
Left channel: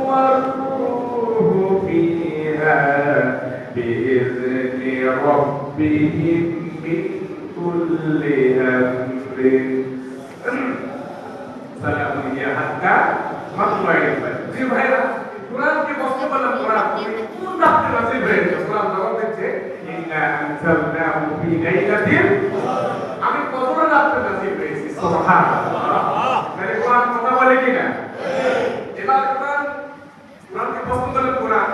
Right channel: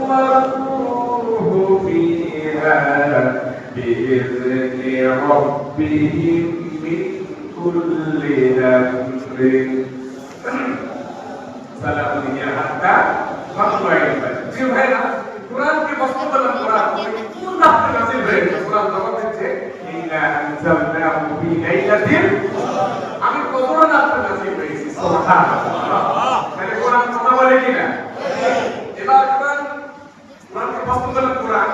والروح فيها بإذن ربهم من كل أمر سلام هي حتى مطلع الفجر জি ভাইরা কোরআন কি কষ্ট বলেন কোরআন কোন রাতে নাযিল হয়েছে কোরআন জবাব দিচ্ছে ইন্না আনজালনাহু ফি লাইলাতিল আমি কত রাতে নাযিল হয়েছে সুবহানাল্লাহ মানে কোরআন কথা বলে কিনা এবার কোরআন কি কষ্ট বলেন কোরআন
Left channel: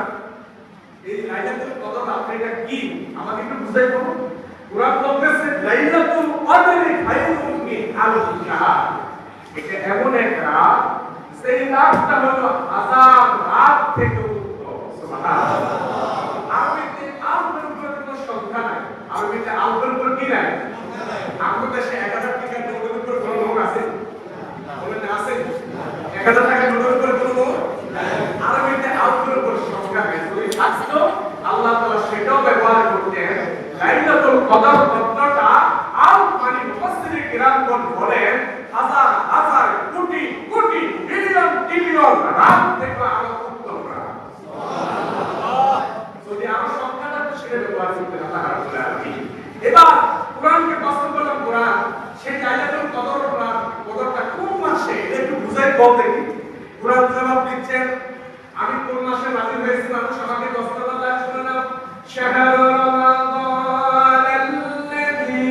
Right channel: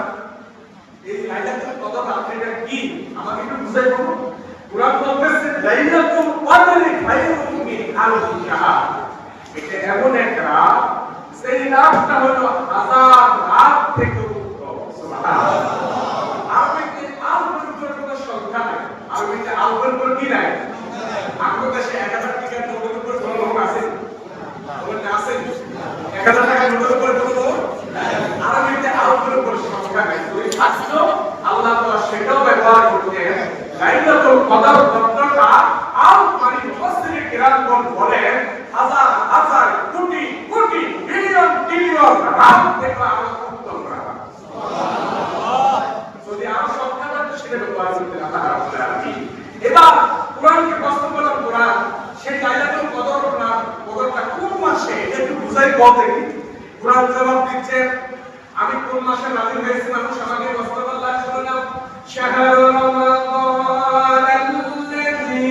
এই লাইলাতুল কদর রাতটা কি আমাকে একটু বুঝাই বলুন কোরআন বলতেছে লাইলাতুল কদর খায়রুম মিন আলফি শাহর এটা এমন এক রাত সেই রাতটা হলো হাজার রাত থেকে উত্তম সুবহানাল্লাহ আরবিতে আলফের কোনো সংখ্যা নাই আরবিতে আলফের কোন কি নাই আমাদের দেশে 1000 টাকার নোটের উপর কোনো লোক আছে বলেন না আছে 1000 টাকার নোটের উপর কোনো লোক আরবিতে আলফের কোন সংখ্যা নাই ওই শাস্ত্র আল্লাহ তাআলা সেটাও ব্যবহার করতেন লাইলাতুল কদর শব্দটা আরব মানে মুফাসসিরে কিরামগণ বলেন হাজার হাজার কোটি কোটি বিলিয়ন ট্রিলিয়ন রাত থেকে আরো উত্তম রাত সুবহানাল্লাহ যদি আরো সংখ্যাটা সেটা ব্যবহার করতে আল্লাহ রাব্বুল আলামিন এবার কোরআনকে প্রশ্ন করলাম কোরআন সেই লাইলাতুল কদরটা কোন মাসে এটা একটু বুঝাই বলতে কি কোরআন জবাব দিচ্ছে আমি কোন মাসে নাযিল হয়েছে মানুষ আমাকে প্রশ্ন করলে শুনে নাও শাহরু রমাদান আল্লাযী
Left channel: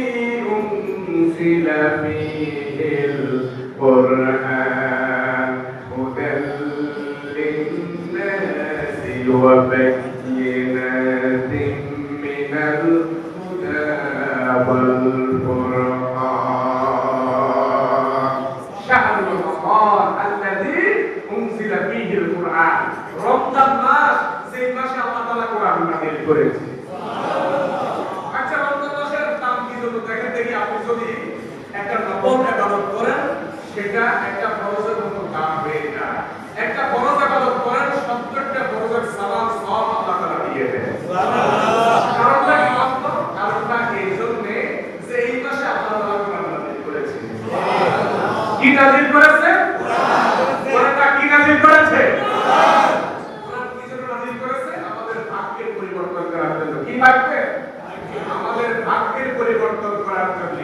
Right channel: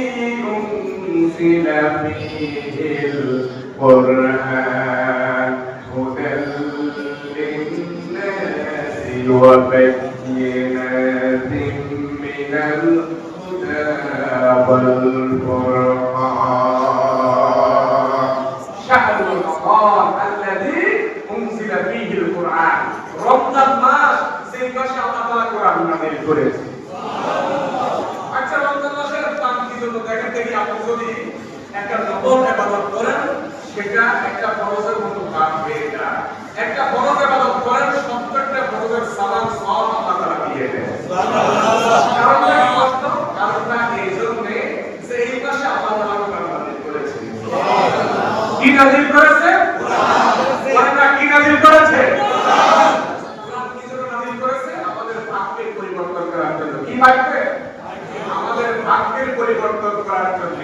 উনজিলা ফীহিল কুরআন হুদাল লিন-নাসি ওয়া বায়্যিনাতিন মিনাল হুদা ওয়াল ফুরকান শাহরু রমাদান আল্লাযী উনজিলা ফীহিল কুরআন রমজান মাস সেই মাসে আল্লাহ তাআলা কোরআন নাযিল করেছে সুবহানাল্লাহ আচ্ছা রমজান মাসের দাম কি জন্য দেখেন দেখি আপনি যদি একটা নফল ইবাদত করেন সেটা একটা ফরজের মতো কাজ হয়ে যায় একটা ফরজ ইবাদত করেন 70টা ফরজের সওয়াব আল্লাহ তাআলা দিয়ে দেন সুবহানাল্লাহ কারণটা কি বলতো কারণটা এই জন্য যে এই মাসে আল্লাহ তাআলা কোরআন নাযিল করেছে সুবহানাল্লাহ কি নাযিল করেছে কোরআনটা কি নাযিল করেছে কোরআন কি জন্য নাযিল করেছে আমাদের ভাগ্যের পরিবর্তন করার জন্য কি ভাগ্যে আমাদের ভাগ্যের পরিবর্তন করার জন্য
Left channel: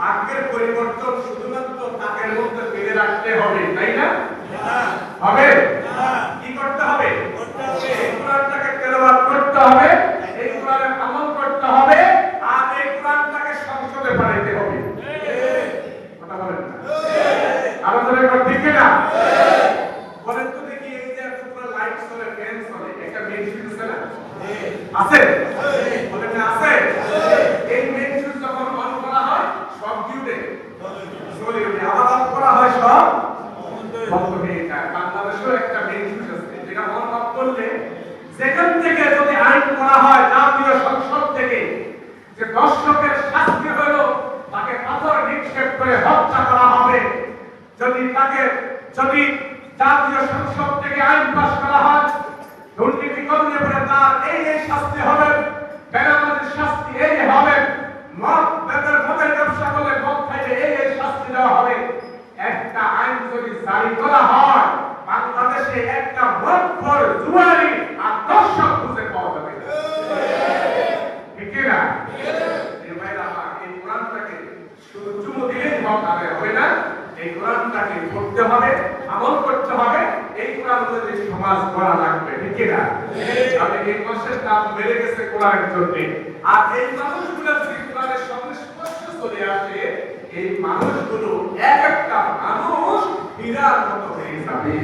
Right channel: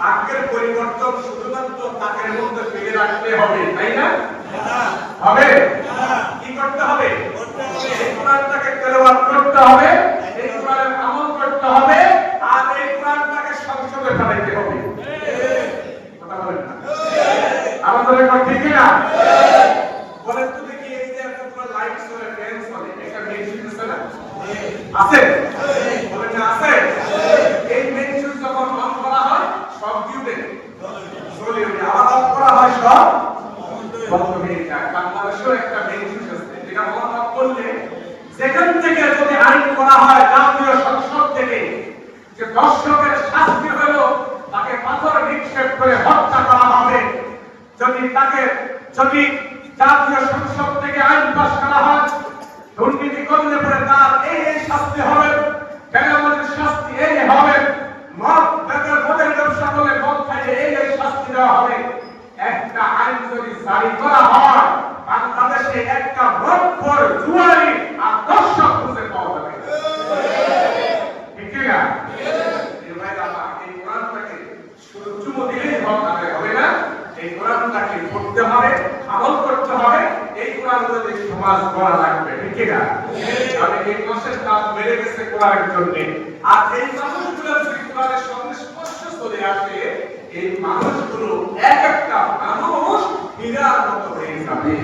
ভাগ্যের পরিবর্তন শুধুমাত্র তাকের মধ্যে ফিরে রাখতে হবে তাই না হবে কি করতে হবে এই কোরআনটাকে তেলাওয়াত করতে হবে এই কোরআনের আমল করতে হবে আর এই কোরআনটাকে সংসদে পাঠাইতে হবে কথা বলেন না আমাদের একবার ঠিক না বলেন তো দেখি এই যে একটা পুরো লাইট চলে ফ্যান চলে একটা মেইন সুইচ আছে না আছে বলেন না আছে এই মেইন সুইচ যখন অন করা হয় সব ডিউটে চলে যায় আবার অফ করা হয় সব বন্ধ হয়ে যায় বাংলাদেশেও একটা মেইন সুইচ আছে যেটা অন অফ করলে যেখান থেকে যদি আইন করা হয় জাতীয় সংসদ থেকে যে দর্শকের শাস্তি হলো তাকে পাথর নিক্ষেপ করে হত্যা করা হবে যদি জাতীয় সংসদ থেকে আইন পাস করা হয় দুর্নীতি করলে পরে তার এই শাস্তি হবে বেনামাজির শাস্তি এই হবে মদের ব্যবসা করলে মদ খাইলে এই শাস্তি দেওয়া হবে একটা আইন যদি জারি করা হয় বাংলাদেশে একটা মদখোর জুয়ারি আর দর্শক খুঁজে পাওয়া যাবে ঠিক না এই ভাইরা এই কোরআনটাকে শুধু চুমু দিলেই হবে না এই কোরআনটাকে পড়তে হবে আমল করতে হবে এই কোরআন অনুযায়ী সমাজ গড়া লাগবে ঠিক না আমি এই মাসের দাম বেড়ে গেছে কোরআনের জন্য আর এই মানুষগুলো যদি কোরআনের সংস্পর্শ চলে আসে এই মানুষগুলো এক একটা মানুষ হীরার মতো হয়ে যাবে